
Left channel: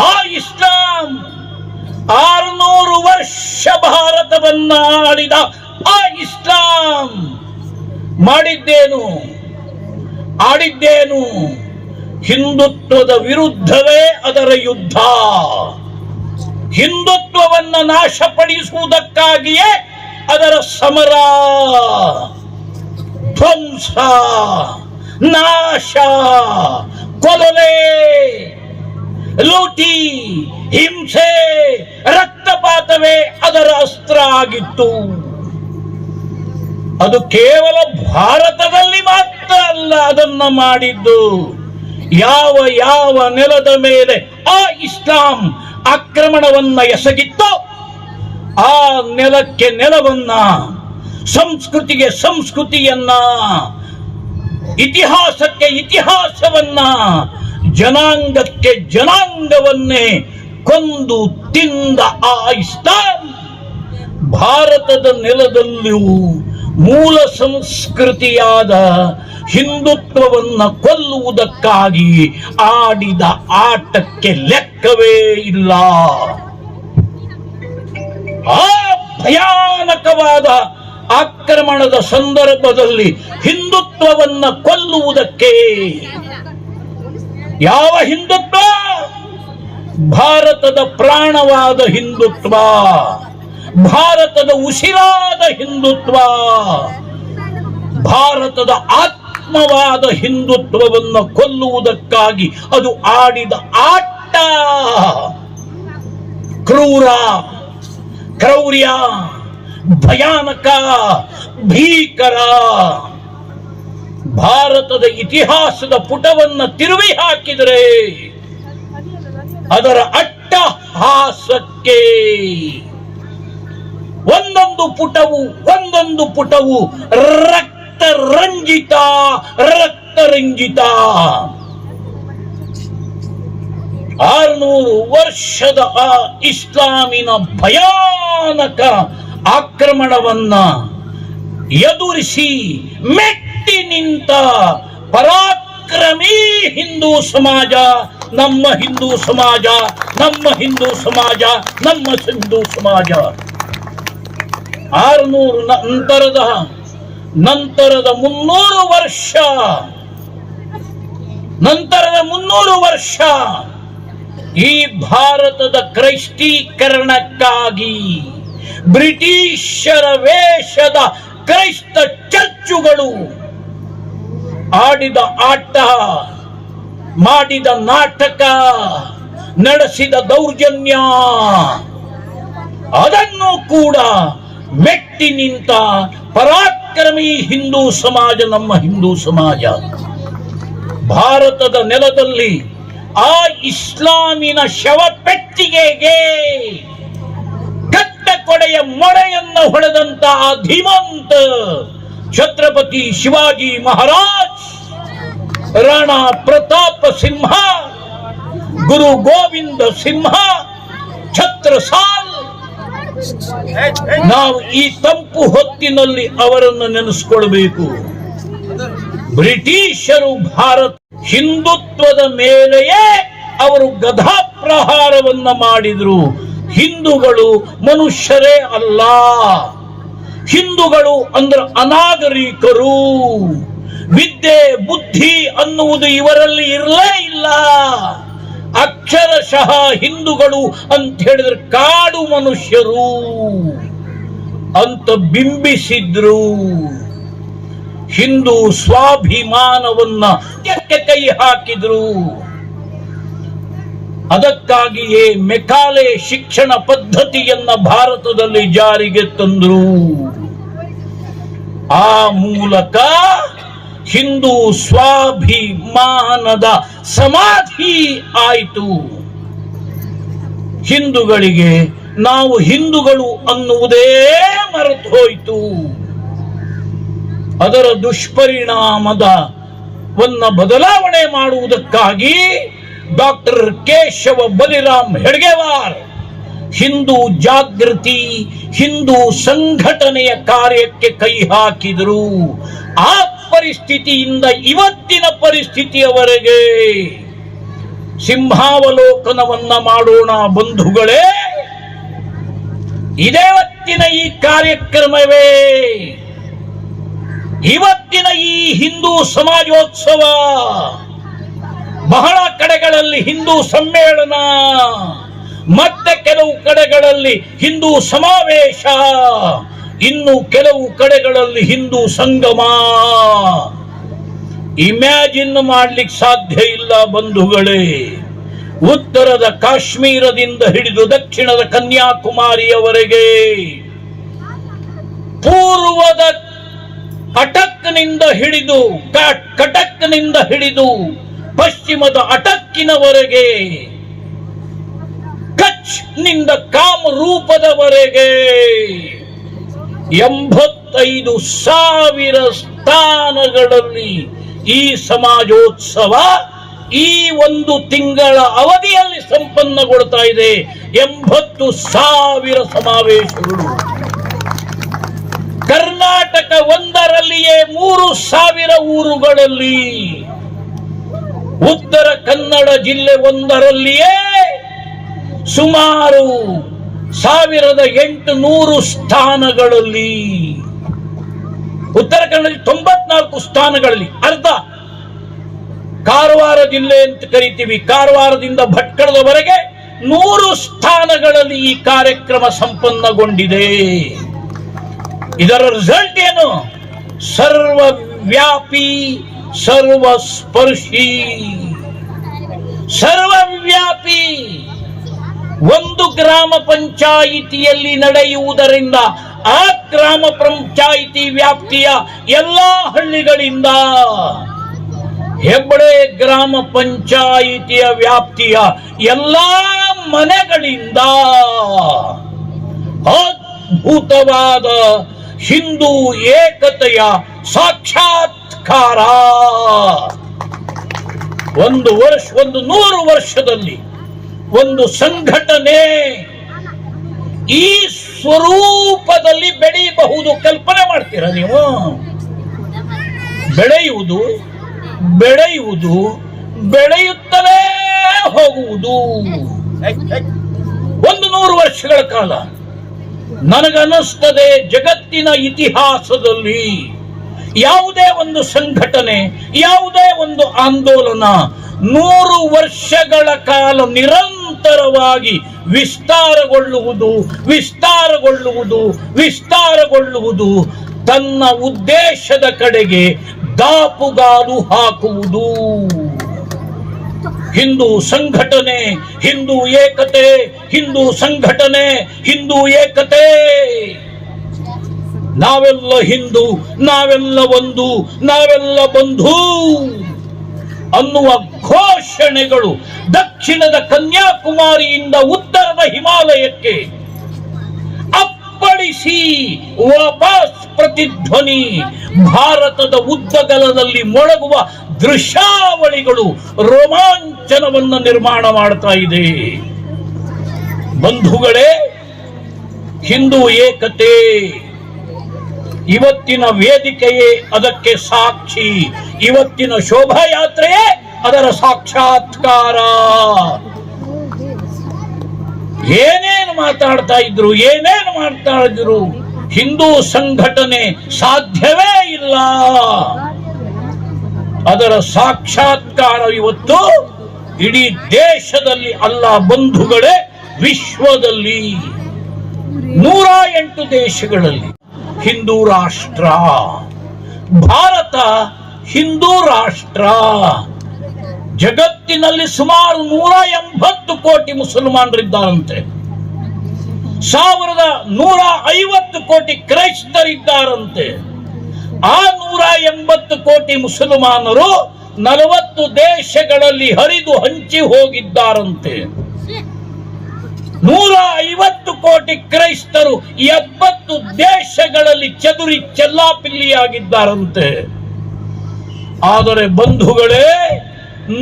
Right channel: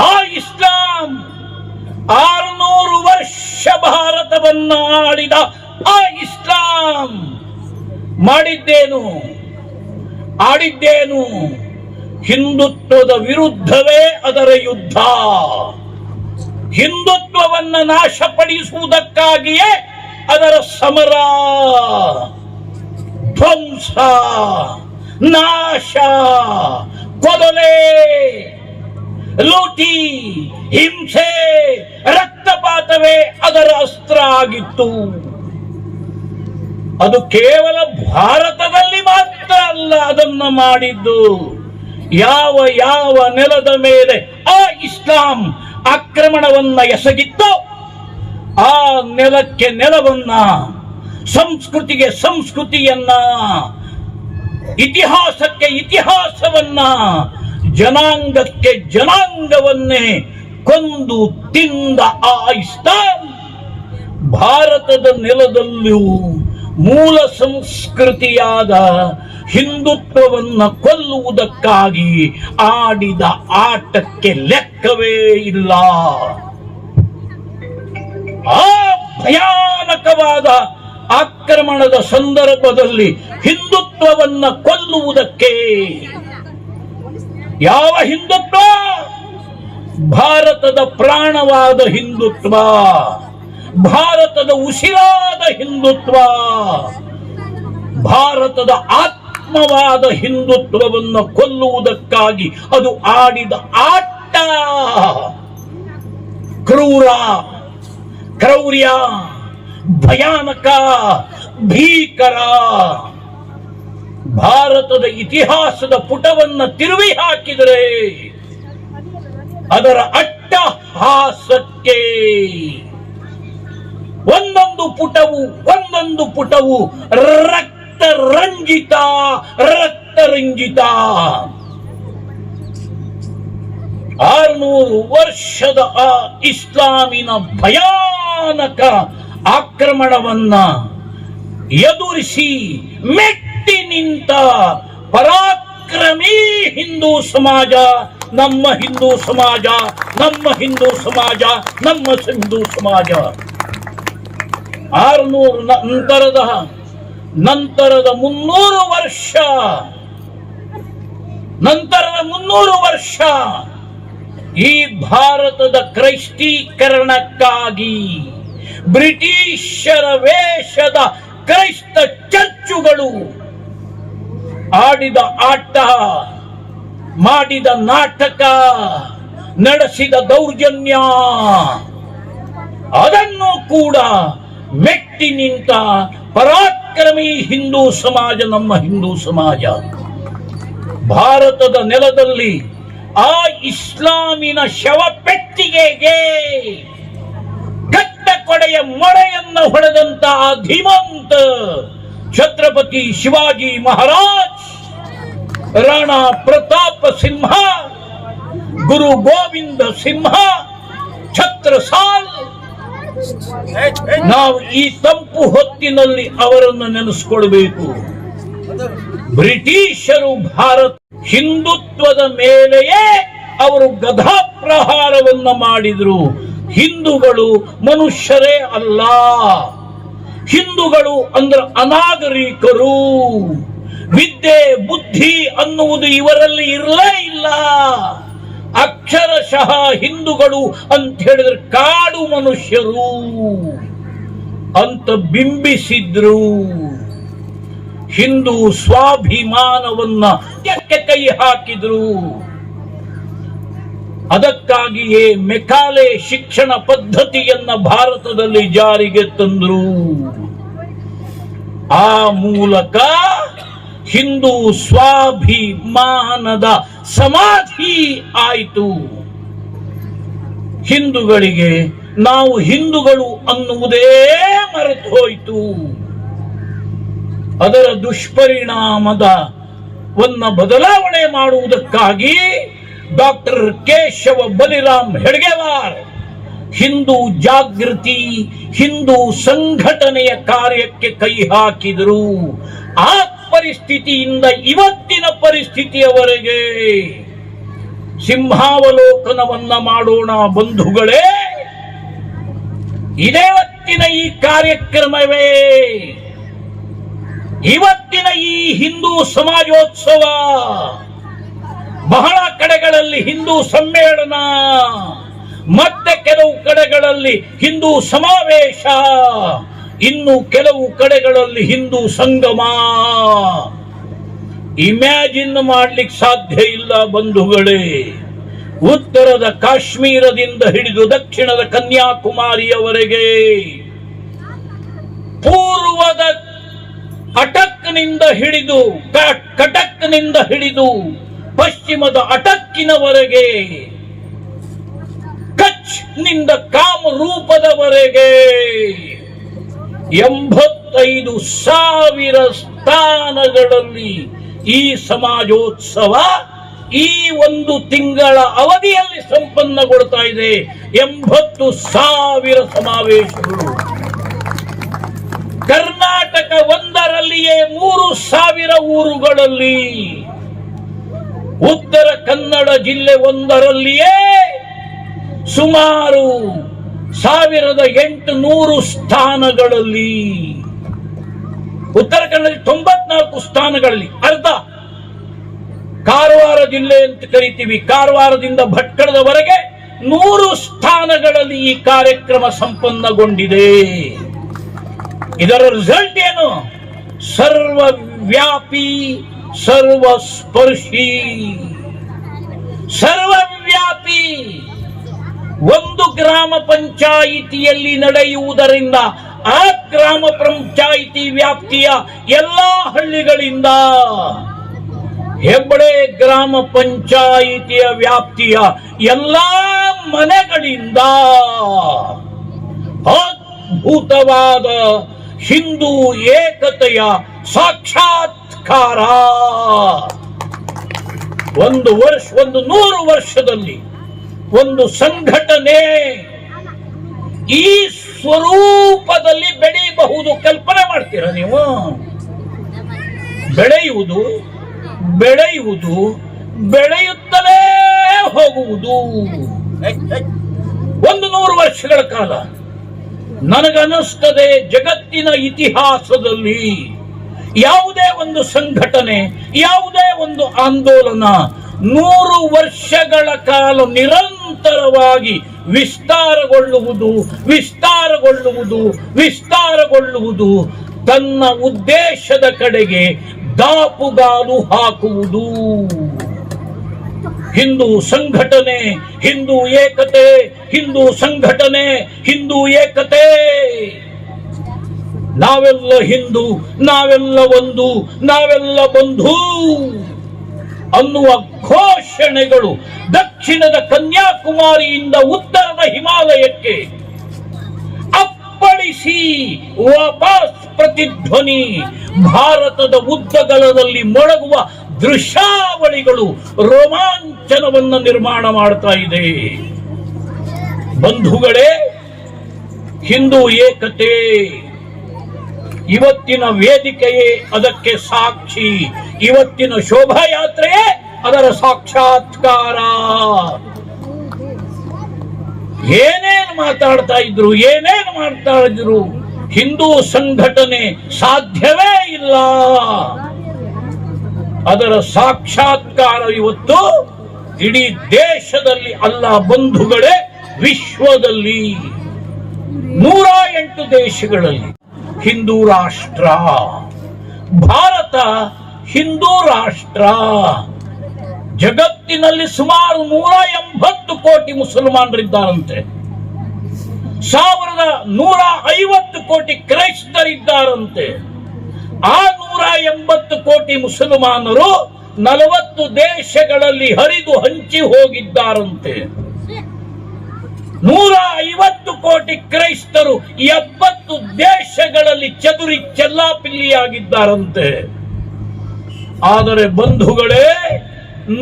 ಆ ಇಸ್ಲಾಂ 600 ವರ್ಷ ಭಾರತವನ್ನ ಆಳಿದ ಆ ಇಸ್ಲಾಂ ಆಡಿದ್ದೇನು? ಹಿಂದುತ್ವದ ವಿರುದ್ಧವೇ ಅದರ ಯುದ್ಧ. ಹಿಂದುತ್ವವನ್ನ ನಾಶಪಡಿಸುವುದಕ್ಕಾಗಿಯೇ ಅದರ ಸಮರ, ಧ್ವಂಸ, ನಾಶ, ಕೊಲೆ, ಲೂಟಿ, ಹಿಂಸೆ, ರಕ್ತಪಾತವೇ ಅದರ ಅಸ್ತ್ರ ಆಗಿತ್ತು. ಅದು ಕೇವಲ ಭಾರತದಲ್ಲಿ ಮಾತ್ರ ಅಲ್ಲ ಅದನ್ನ ಮಾಡಿದ್ದು. ಯಾವ ನೆಲದ ಮೇಲೆ ಆ ಇಸ್ಲಾಂ ಆಕ್ರಮಣವನ್ನ ಎಸಗಿತ್ತು, ಆ ನೆಲಕ್ಕೆ ನೆಲವನ್ನ, ಸಂಸ್ಕೃತಿಗೆ ಸಂಸ್ಕೃತಿಯನ್ನ, ಇತಿಹಾಸಕ್ಕೆ ಇತಿಹಾಸವನ್ನ, ಜನಾಂಗಕ್ಕೆ ಜನಾಂಗವನ್ನೇ ಕೊಂದು ತಿಂದ ಆ ಇಸ್ಲಾಂ ಭಾರತದ ನೆಲದಲ್ಲಿಯೂ ಮೂಲ ಸಂಸ್ಕೃತಿಯಾದ ಹಿಂದುತ್ವವನ್ನ ಕೊಲ್ಲುವುದಕ್ಕಾಗಿ ಆಡಿದ ಆಟಕ್ಕೆ ಲೆಕ್ಕವೇ ಇಲ್ಲ. ಆ ಭಯಾನಕವಾದ ಆಕ್ರಮಣದ ಸಂದರ್ಭದಲ್ಲಿ ಹಿಂದುತ್ವವನ್ನ ಕೊಲ್ಲುವುದಕ್ಕೆ ಯಾವ ಹಿಂದುತ್ವ? ಭಾರತದ ಪ್ರಾಣವಾದ ಹಿಂದುತ್ವ, ಭಾರತದ ಉಸಿರಾದ ಹಿಂದುತ್ವ, ಭಾರತದ ಆತ್ಮವಾದ ಹಿಂದುತ್ವವನ್ನು ಕೊಲ್ಲುವುದಕ್ಕಾಗಿ ಅದು ಆಡಿದ ಆಟ. ಕ್ರೂರ, ಕ್ರೌರ್ಯ, ಭಯಾನಕ, ಭೀಕರ. ಭಾರತದ ಇತಿಹಾಸದ ಪುಟವನ್ನು ತಿರುವಿ ಹಾಕಿದರೆ ಅದರ ಅಟ್ಟಹಾಸಕ್ಕೆ ಒಂದೊಂದು ಪುಟವು ರಕ್ತರಂಜಿತ. 600 ವರ್ಷದ ಆ ಇಸ್ಲಾಮಿನ ಭಯಾನಕ ಆಕ್ರಮಣವನ್ನ ಎದುರಿಸಿ ಮೆಟ್ಟಿ ನಿಂತ ಪರಾಕ್ರಮಿ ಹಿಂದೂ ಸಮಾಜ, ನಮ್ಮ ಹಿಂದೂ ಸಮಾಜ, ನಮ್ಮ ಹಿಂದೂ ಸಮಾಜ, ನಮ್ಮ ಹಿಂದೂ ಸಮಾಜ. 600 ನಂತರದ 300 ವರ್ಷ ಈ ಭಾರತದ ಕ್ರೈಸ್ತೀಕರಣಕ್ಕಾಗಿ ಬ್ರಿಟಿಷರ ವೇಷದ ಕ್ರೈಸ್ತ ಚರ್ಚುಗಳು ಆಡಿದ ಆಟ, ಮಾಡಿದ ನಾಟಕ, ನಡೆಸಿದ ದೌರ್ಜನ್ಯ, ಅದನ್ನು ಕೂಡ ಮೆಟ್ಟಿ ನಿಂತ ಪರಾಕ್ರಮಿ ಹಿಂದೂ ಸಮಾಜ, ನಮ್ಮ ಹಿಂದೂ ಸಮಾಜ. ಭಾರತದ ನೆಲದಲ್ಲಿ ಆ ಇಸ್ಲಾಮಿನ ಶವಪೆಟ್ಟಿಗೆಗೆ ಕಟ್ಟ ಕೊಡೆಯ ಮೊಳೆಯನ್ನ ಹೊಡೆದಂತ ಧೀಮಂತ ಛತ್ರಪತಿ ಶಿವಾಜಿ ಮಹಾರಾಜ್, ರಾಣಾ ಪ್ರತಾಪ ಸಿಂಹ, ಗುರು ಗೋವಿಂದ ಸಿಂಹ, ಛತ್ರಸಾಲ್, ನಾವು ಈ ತಂಪು ಹೊತ್ತಿನಲ್ಲಿ ಅವರನ್ನು ನೆನೆಸಿಕೊಳ್ಬೇಕು. ಬ್ರಿಟಿಷರು ಭಾರತ ಹಿಂದುತ್ವದ ಮೇಲೆಯೇ ಅವರು ಗದಾ ಪ್ರಹಾರವನ್ನ ಮಾಡಿದ್ರು. ಹಿಂದೂಗಳು ಮನುಷ್ಯರೇ ಅಲ್ಲ, ಹಿಂದೂಗಳು ಅಂದ್ರೆ ಅನಾಗರಿಕರು, ವಿದ್ಯೆ ಬುದ್ಧಿ ಅನ್ನುವುದು ಇವರಲ್ಲಿ ಇರಲೇ ಇಲ್ಲ. ಅಕ್ಷರಶಃ ಹಿಂದೂಗಳು ಅಂತ ಹೇಳಿದ್ರೆ ಕಾಡು ಮನುಷ್ಯರು ಅಂತ ಬಿಂಬಿಸಿದ್ರು. ಹಿಂದೂ ಸ್ವಾಭಿಮಾನವನ್ನ ಕೈ ಹಾಕಿದ್ರು. ಅದಕ್ಕಾಗಿಯೇ ಮೆಕಾಲೆ ಶಿಕ್ಷಣ ಪದ್ಧತಿಯನ್ನ ಭಾರತದಲ್ಲಿ ಜಾರಿಗೆ ತಂದ್ರು. ಆ ಮೂಲಕ ಹಿಂದೂ ಸ್ವಾಭಿಮಾನದ ಸಮಾಧಿ ಆಯಿತು. ಹಿಂದೂಗಳಿಗೆ ನಾವು ಹಿಂದೂಗಳು ಅನ್ನುವುದೇ ಮರೆತು ಹೋಯಿತು. ಅದರ ದುಷ್ಪರಿಣಾಮದ ಬದಲಾವಣೆ ಮಾಡುವುದಕ್ಕಾಗಿ ಡಾಕ್ಟರ್ ಕೇಶವ ಬಲಿರಾಮ್ ಹೆಡ್ಗೇವಾರ್ ಹಿಂದೂ ಜಾಗೃತಿ, ಹಿಂದೂ ಸಂಘಟನೆಯ ಕಾರ್ಯಕ್ಕೆ ಕೈ ಹಾಕಿದರು. ಆ ಪರಿಸ್ಥಿತಿಯಿಂದ ಇವತ್ತಿನ ಪರಿಸ್ಥಿತಿಯವರೆಗೆ ಸಿಂಹಾವಲೋಕನವನ್ನ ಮಾಡೋಣ ಬಂಧುಗಳೇ. ಇದೇವತ್ತಿನ ಈ ಕಾರ್ಯಕ್ರಮವೇ, ಇವತ್ತಿನ ಈ ಹಿಂದೂ ಸಮಾಜೋತ್ಸವ. ಬಹಳ ಕಡೆಗಳಲ್ಲಿ ಹಿಂದೂ ಸಮ್ಮೇಳನ, ಮತ್ತೆ ಕೆಲವು ಕಡೆಗಳಲ್ಲಿ ಹಿಂದೂ ಸಮಾವೇಶ, ಇನ್ನು ಕೆಲವು ಕಡೆಗಳಲ್ಲಿ ಹಿಂದೂ ಸಂಗಮ. ಇಮ್ಯಾಜಿನ್ ಮಾಡ್ಲಿಕ್ಕೆ ಸಾಧ್ಯ ಇಲ್ಲ ಬಂಧುಗಳೇ. ಉತ್ತರದ ಕಾಶ್ಮೀರದಿಂದ ಹಿಡಿದು ದಕ್ಷಿಣದ ಕನ್ಯಾಕುಮಾರಿಯವರೆಗೆ, ಪೂರ್ವದ ಅಟಕ್ನಿಂದ ಹಿಡಿದು ಕಟಕ್ನಿಂದ ಹಿಡಿದು ಪಶ್ಚಿಮದ ಅಟಕ್ಕಿನವರೆಗೆ, ಕಚ್ ನಿಂದ ಕಾಮರೂಪದವರೆಗೆ 85,000 ಸ್ಥಾನಗಳಲ್ಲಿ ಈ ಸಮಾಜೋತ್ಸವ ಈ ಒಂದು ತಿಂಗಳ ಅವಧಿಯಲ್ಲಿ ಸಂಪನ್ನಗೊಳ್ತಾ ಇದೆ. 80,000 ಸಮಾವೇಶಗಳು. ಕರ್ನಾಟಕ ಒಂದರಲ್ಲಿಯೇ 3,000 ಊರುಗಳಲ್ಲಿ, ಉತ್ತರ ಕನ್ನಡ ಜಿಲ್ಲೆ ಒಂದರಲ್ಲಿಯೇ ಸುಮಾರು 1,800 ಸ್ಥಾನಗಳಲ್ಲಿ, ಉತ್ತರ ಕನ್ನಡ 94 ಸ್ಥಾನಗಳಲ್ಲಿ ಅರ್ಧ. ಕಾರವಾರ ಜಿಲ್ಲೆ ಅಂತ ಕರಿತೀವಿ, ಕಾರವಾರದಿಂದ ಭಟ್ಕಳದವರೆಗೆ 100 ಸ್ಥಾನಗಳಲ್ಲಿ ಈ ಕಾರ್ಯಕ್ರಮ ಸಂಪನ್ನಗೊಂಡಿದೆ. ಇದರ ರಿಸಲ್ಟ್ ಏನು? ಸರ್ವವ್ಯಾಪಿ ಸರ್ವಸ್ಪರ್ಶಿ. ಸರ್ವವ್ಯಾಪಿ ಒಂದು ಗ್ರಾಮ ಪಂಚಾಯಿತಿಯಲ್ಲಿ ನಡೆಯುವುದರಿಂದ ಆ ಗ್ರಾಮ ಪಂಚಾಯಿತಿ ವ್ಯಾಪ್ತಿಯ ಎಲ್ಲಾ ಹಳ್ಳಿಗಳಿಂದ, ಹೆಬ್ಬಡೆ ಗ್ರಾಮ ಪಂಚಾಯಿತಿಯ ವ್ಯಾಪ್ತಿಯ ಎಲ್ಲಾ ಮನೆಗಳಿಂದ ಅದ್ಭುತವಾದ ಹಿಂದೂ ಏಕತೆಯ ಸಾಕ್ಷಾತ್ಕಾರ. ಒಂದು 100 ವರ್ಷದಲ್ಲಿ ಒಂದು ಸಂಘಟನೆ ಈ ಸ್ವರೂಪದಲ್ಲಿ ಬೆಳೆಯಬಹುದು. ಕಲ್ಪನೆ ಮಾಡ್ತೀರಾ ನೀವು? ಬೆಳೆಯುವುದು ಬೆಳೆಯುವುದು ಬೆಳೆಯುತ್ತಲೇ ಹೋಗುವುದು 100 ವರ್ಷಗಳ ಕಾಲ. ನನಗನ್ನಿಸ್ತದೆ ಜಗತ್ತಿನ ಇತಿಹಾಸದಲ್ಲಿ ಯಾವುದೇ ಒಂದು ಸಂಘಟನೆ, ಯಾವುದೇ ಒಂದು ಆಂದೋಲನ 100 ವರ್ಷಗಳ ಕಾಲ ನಿರಂತರವಾಗಿ ವಿಸ್ತಾರಗೊಳ್ಳುವುದು ತನ್ನ ಉದ್ದೇಶದ ಕಡೆಗೆ ದಾಪುಗಾಲು ಹಾಕುವುದು. ಹಿಂದೂ ಸಂಘಟನೆ, ಹಿಂದೂ ಏಕತೆ, ಹಿಂದೂ ಸಂಘಟನೆ, ಹಿಂದೂ ಏಕತೆ. ನಾವೆಲ್ಲ ಹಿಂದೂ, ನಾವೆಲ್ಲ ಒಂದು, ನಾವೆಲ್ಲ ಬಂಧು ಅನ್ನುವ ಘೋಷಣೆಗಳು ದಕ್ಷಿಣದ ಕನ್ಯಾಕುಮಾರಿಯಿಂದ ಉತ್ತರದ ಹಿಮಾಲಯಕ್ಕೆ ಅಪ್ಪಳಿಸಿ ವಾಪಸ್ ಪ್ರತಿಧ್ವನಿ ಭಾರತದ ಉದ್ದಗಲದಲ್ಲಿ ಮೊಳಗುವ ದೃಶ್ಯಾವಳಿಗಳು ರೋಮಾಂಚನವನ್ನು ನಿರ್ಮಾಣ ಮಾಡ್ತಾ ಇದೆ. ಬಂಧುಗಳೇ, ಹಿಂದೂ ಏಕತೆ ಇವತ್ತಿನ ವೇದಿಕೆಯೇ ಅದಕ್ಕೆ ಸಾಕ್ಷಿ. ಇವತ್ತಿನ ಶೋಭಾಯಾತ್ರೆಯೇ ಅದರ ಸಾಕ್ಷಾತ್ಕಾರ. ಏನೇನು ಮಾತಾಡ್ತಾ ಇದ್ರು, ಏನೇನು ಮಾಡ್ತಾ ಇದ್ರು, ಹಿಂದೂ ಸಂಘಟನೆ ಸಾಧ್ಯವೇ ಇಲ್ಲ. ಅದರ ಸಾಕ್ಷಾತ್ಕಾರ ಇವತ್ತು ಇಡೀ ದೇಶದಲ್ಲಿ ಅಲ್ಲ ಬಂಧುಗಳೇ, ವಿಶ್ವದಲ್ಲಿ 108 ದೇಶಗಳಲ್ಲಿ ಹಿಂದೂ ರಾಷ್ಟ್ರ. ಭಾರತ ಹಿಂದೂ ರಾಷ್ಟ್ರ. ಜಗತ್ತಿನಲ್ಲಿ ಸುಮಾರು 180 ಕೋಟಿ ಮುಸಲ್ಮಾನರಿದ್ದಾರಂತೆ, 1150 ಕೋಟಿ ಕ್ರೈಸ್ತರಿದ್ದಾರಂತೆ. ಆ 180 ಕೋಟಿ ಮುಸಲ್ಮಾನರು 40 ದೇಶಗಳಲ್ಲಿ ಹರಿದು ಹಂಚಿ ಹೋಗಿದ್ದಾರಂತೆ. 150 ಕೋಟಿ ಕ್ರೈಸ್ತರು 70 ದೇಶಗಳಲ್ಲಿ ಚದುರಿ ಚೆಲ್ಲಾಪಿಲ್ಲಿಯಾಗಿದ್ದಾರಂತೆ. ಆದರೆ ಬಂಧುಗಳೇ,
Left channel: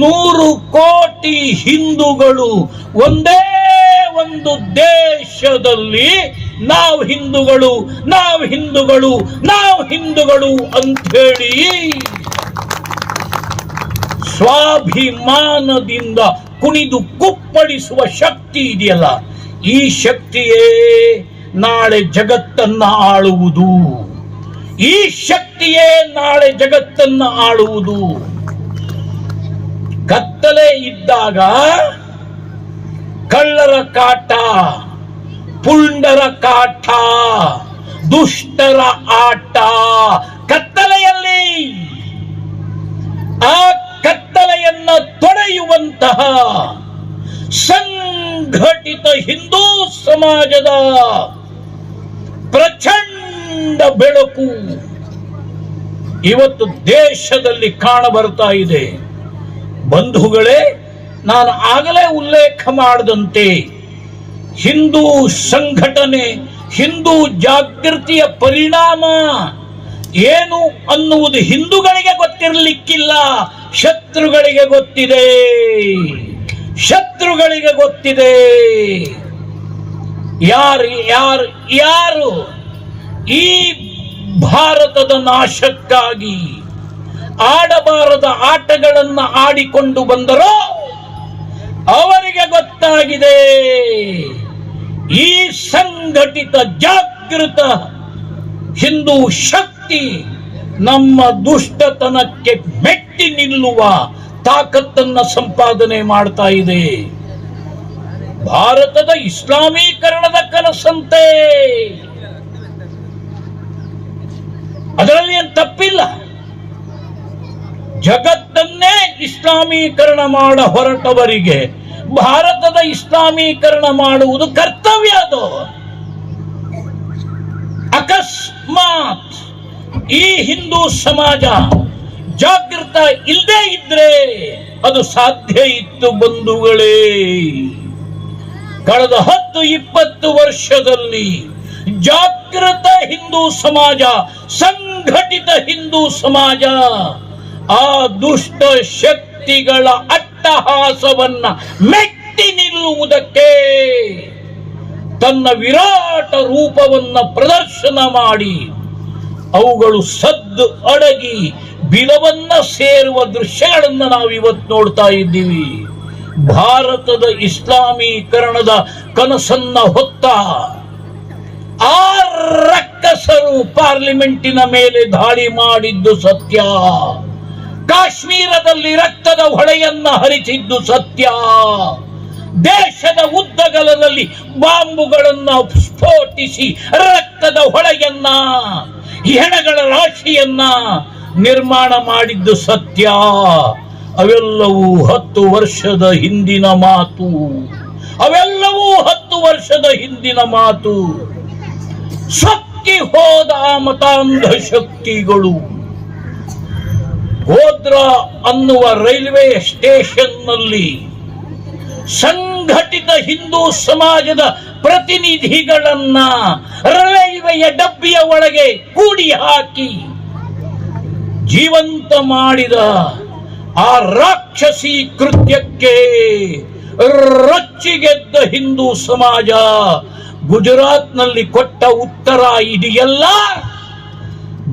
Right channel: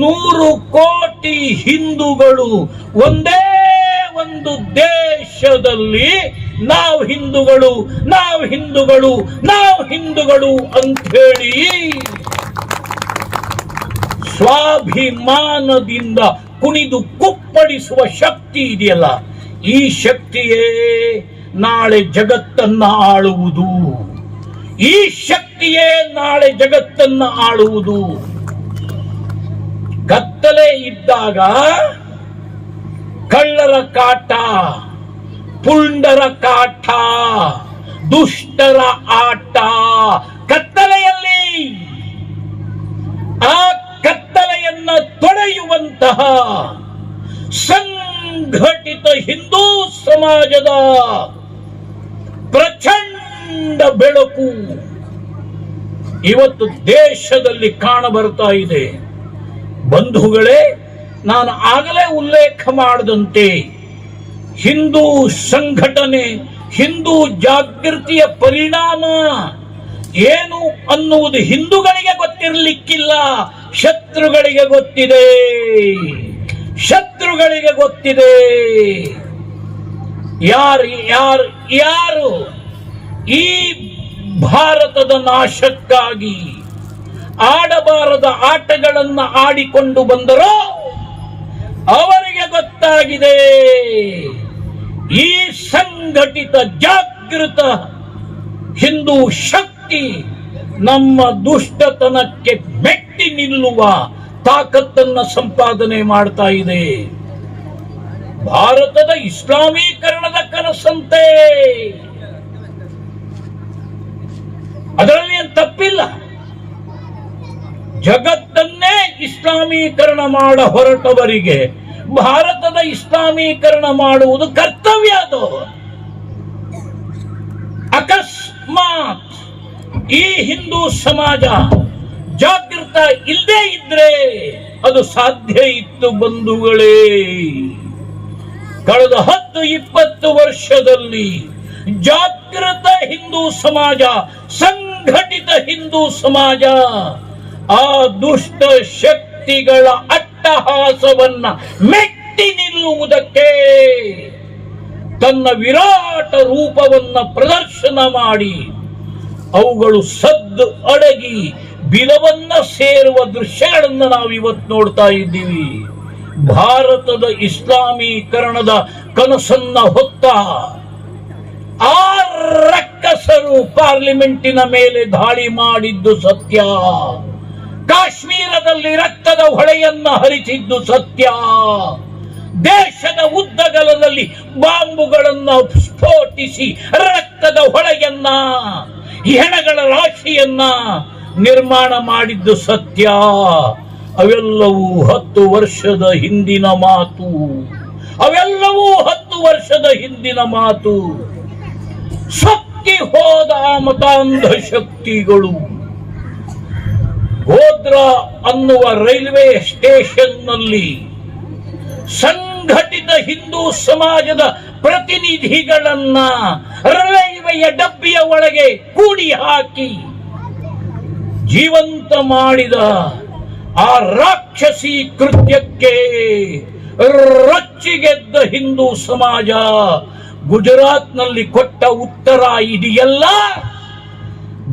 100 ಕೋಟಿ ಹಿಂದೂಗಳು ಒಂದೇ ಒಂದು ದೇಶದಲ್ಲಿ ನಾವು ಹಿಂದೂಗಳು, ನಾವು ಹಿಂದೂಗಳು, ನಾವು ಹಿಂದೂಗಳು ಅಂತ ಹೇಳಿ ಸ್ವಾಭಿಮಾನದಿಂದ ಕುಣಿದು ಕುಪ್ಪಳಿಸುವ ಶಕ್ತಿ ಇದೆಯಲ್ಲ, ಈ ಶಕ್ತಿಯೇ ನಾಳೆ ಜಗತ್ತನ್ನ ಆಳುವುದು. ಈ ಶಕ್ತಿಯೇ ನಾಳೆ ಜಗತ್ತನ್ನ ಆಳುವುದು. ಕತ್ತಲೆ ಇದ್ದಾಗ ಕಳ್ಳರ ಕಾಟ, ಪುಂಡರ ಕಾಟ, ದುಷ್ಟರ ಆಟ ಕತ್ತಲೆಯಲ್ಲಿ. ಆ ಕತ್ತಲೆಯನ್ನ ತೊಳೆಯುವಂತಹ ಸಂಘಟಿತ ಹಿಂದೂ ಸಮಾಜದ ಪ್ರಚಂಡ ಬೆಳಕು ಇವತ್ತು ದೇಶದಲ್ಲಿ ಕಾಣಬರ್ತಾ ಇದೆ. ಬಂಧುಗಳೇ, ನಾನು ಆಗಲೇ ಉಲ್ಲೇಖ ಮಾಡಿದಂತೆ ಹಿಂದೂ ಸಂಘಟನೆ, ಹಿಂದೂ ಜಾಗೃತಿಯ ಪರಿಣಾಮ ಏನು ಅನ್ನುವುದು ಹಿಂದೂಗಳಿಗೆ ಗೊತ್ತಿರಲಿಕ್ಕಿಲ್ಲ, ಶತ್ರುಗಳಿಗೆ ಗೊತ್ತಿದೆ. ಶತ್ರುಗಳಿಗೆ ಗೊತ್ತಿದೆ. ಯಾರು ಈ ಭಾರತದ ನಾಶಕ್ಕಾಗಿ ಆಡಬಾರದ ಆಟಗಳನ್ನು ಆಡಿಕೊಂಡು ಬಂದರೋ ಅವರಿಗೆ ಗೊತ್ತಾಗಿದೆ ಈ ಸಂಘಟಿತ ಜಾಗೃತ ಹಿಂದೂ ಶಕ್ತಿ ನಮ್ಮ ದುಷ್ಟತನಕ್ಕೆ ಮೆಟ್ಟಿ ನಿಲ್ಲುವ ತಾಕತ್ತನ್ನ ಸಂಪಾದನೆ ಮಾಡ್ತಾ ಇದೆ. ಭಾರತದ ಇಸ್ಲಾಮೀಕರಣದ ಕನಸಂತೆ ಅದರಲ್ಲಿ ಏನು ತಪ್ಪಿಲ್ಲ. ಜಗತ್ತನ್ನೇ ಇಸ್ಲಾಮೀಕರಣ ಮಾಡ ಹೊರಟವರಿಗೆ ಭಾರತದ ಇಸ್ಲಾಮೀಕರಣ ಮಾಡುವುದು ಕರ್ತವ್ಯ. ಅದು ಅಕಸ್ಮಾತ್ ಈ ಹಿಂದೂ ಸಮಾಜ ಜಾಗೃತ ಇಲ್ಲದೆ ಇದ್ರೆ ಅದು ಸಾಧ್ಯ ಇತ್ತು ಬಂಧುಗಳೇ. ಕಳೆದ 10-20 ವರ್ಷದಲ್ಲಿ ಜಾಗೃತ ಹಿಂದೂ ಸಮಾಜ, ಸಂಘಟಿತ ಹಿಂದೂ ಸಮಾಜ ಆ ದುಷ್ಟ ಶಕ್ತಿಗಳ ಅಟ್ಟಹಾಸವನ್ನ ಮೆಟ್ಟಿ ನಿಲ್ಲುವುದಕ್ಕೆ ತನ್ನ ವಿರಾಟ ರೂಪವನ್ನ ಪ್ರದರ್ಶನ ಮಾಡಿ ಅವುಗಳು ಸದ್ದು ಅಡಗಿ ಬಿಲವನ್ನ ಸೇರುವ ದೃಶ್ಯಗಳನ್ನು ನಾವು ಇವತ್ತು ನೋಡ್ತಾ ಇದ್ದೀವಿ. ಭಾರತದ ಇಸ್ಲಾಮೀಕರಣದ ಕನಸನ್ನ ಹೊತ್ತ ಆ ರಕ್ಕಸರು ಪಾರ್ಲಿಮೆಂಟಿನ ಮೇಲೆ ದಾಳಿ ಮಾಡಿದ್ದು ಸತ್ಯ. ಕಾಶ್ಮೀರದಲ್ಲಿ ರಕ್ತದ ಹೊಳೆಯನ್ನ ಹರಿಸಿದ್ದು ಸತ್ಯ. ದೇಶದ ಉದ್ದಗಲದಲ್ಲಿ ಬಾಂಬುಗಳನ್ನ ಸ್ಫೋಟಿಸಿ ರಕ್ತದ ಹೊಳೆಯನ್ನ, ಹೆಣಗಳ ರಾಶಿಯನ್ನ ನಿರ್ಮಾಣ ಮಾಡಿದ್ದು ಸತ್ಯ. ಅವೆಲ್ಲವೂ 10 ವರ್ಷದ ಹಿಂದಿನ ಮಾತು. ಅವೆಲ್ಲವೂ 10 ವರ್ಷದ ಹಿಂದಿನ ಮಾತು. ಸತ್ತಿ ಹೋದ ಮತಾಂಧ ಶಕ್ತಿಗಳು ಗೋಧ್ರಾ ಅನ್ನುವ ರೈಲ್ವೆ ಸ್ಟೇಷನ್ ನಲ್ಲಿ ಸಂಘಟಿತ ಹಿಂದೂ ಸಮಾಜದ ಪ್ರತಿನಿಧಿಗಳನ್ನ ರೈಲ್ವೆಯ ಡಬ್ಬಿಯ ಒಳಗೆ ಕೂಡಿ ಹಾಕಿ ಜೀವಂತ ಮಾಡಿದ ಆ ರಾಕ್ಷಸಿ ಕೃತ್ಯಕ್ಕೆ ರೊಚ್ಚಿಗೆದ್ದ ಹಿಂದೂ ಸಮಾಜ ಗುಜರಾತ್ನಲ್ಲಿ ಕೊಟ್ಟ ಉತ್ತರ ಇದೆಯಲ್ಲ.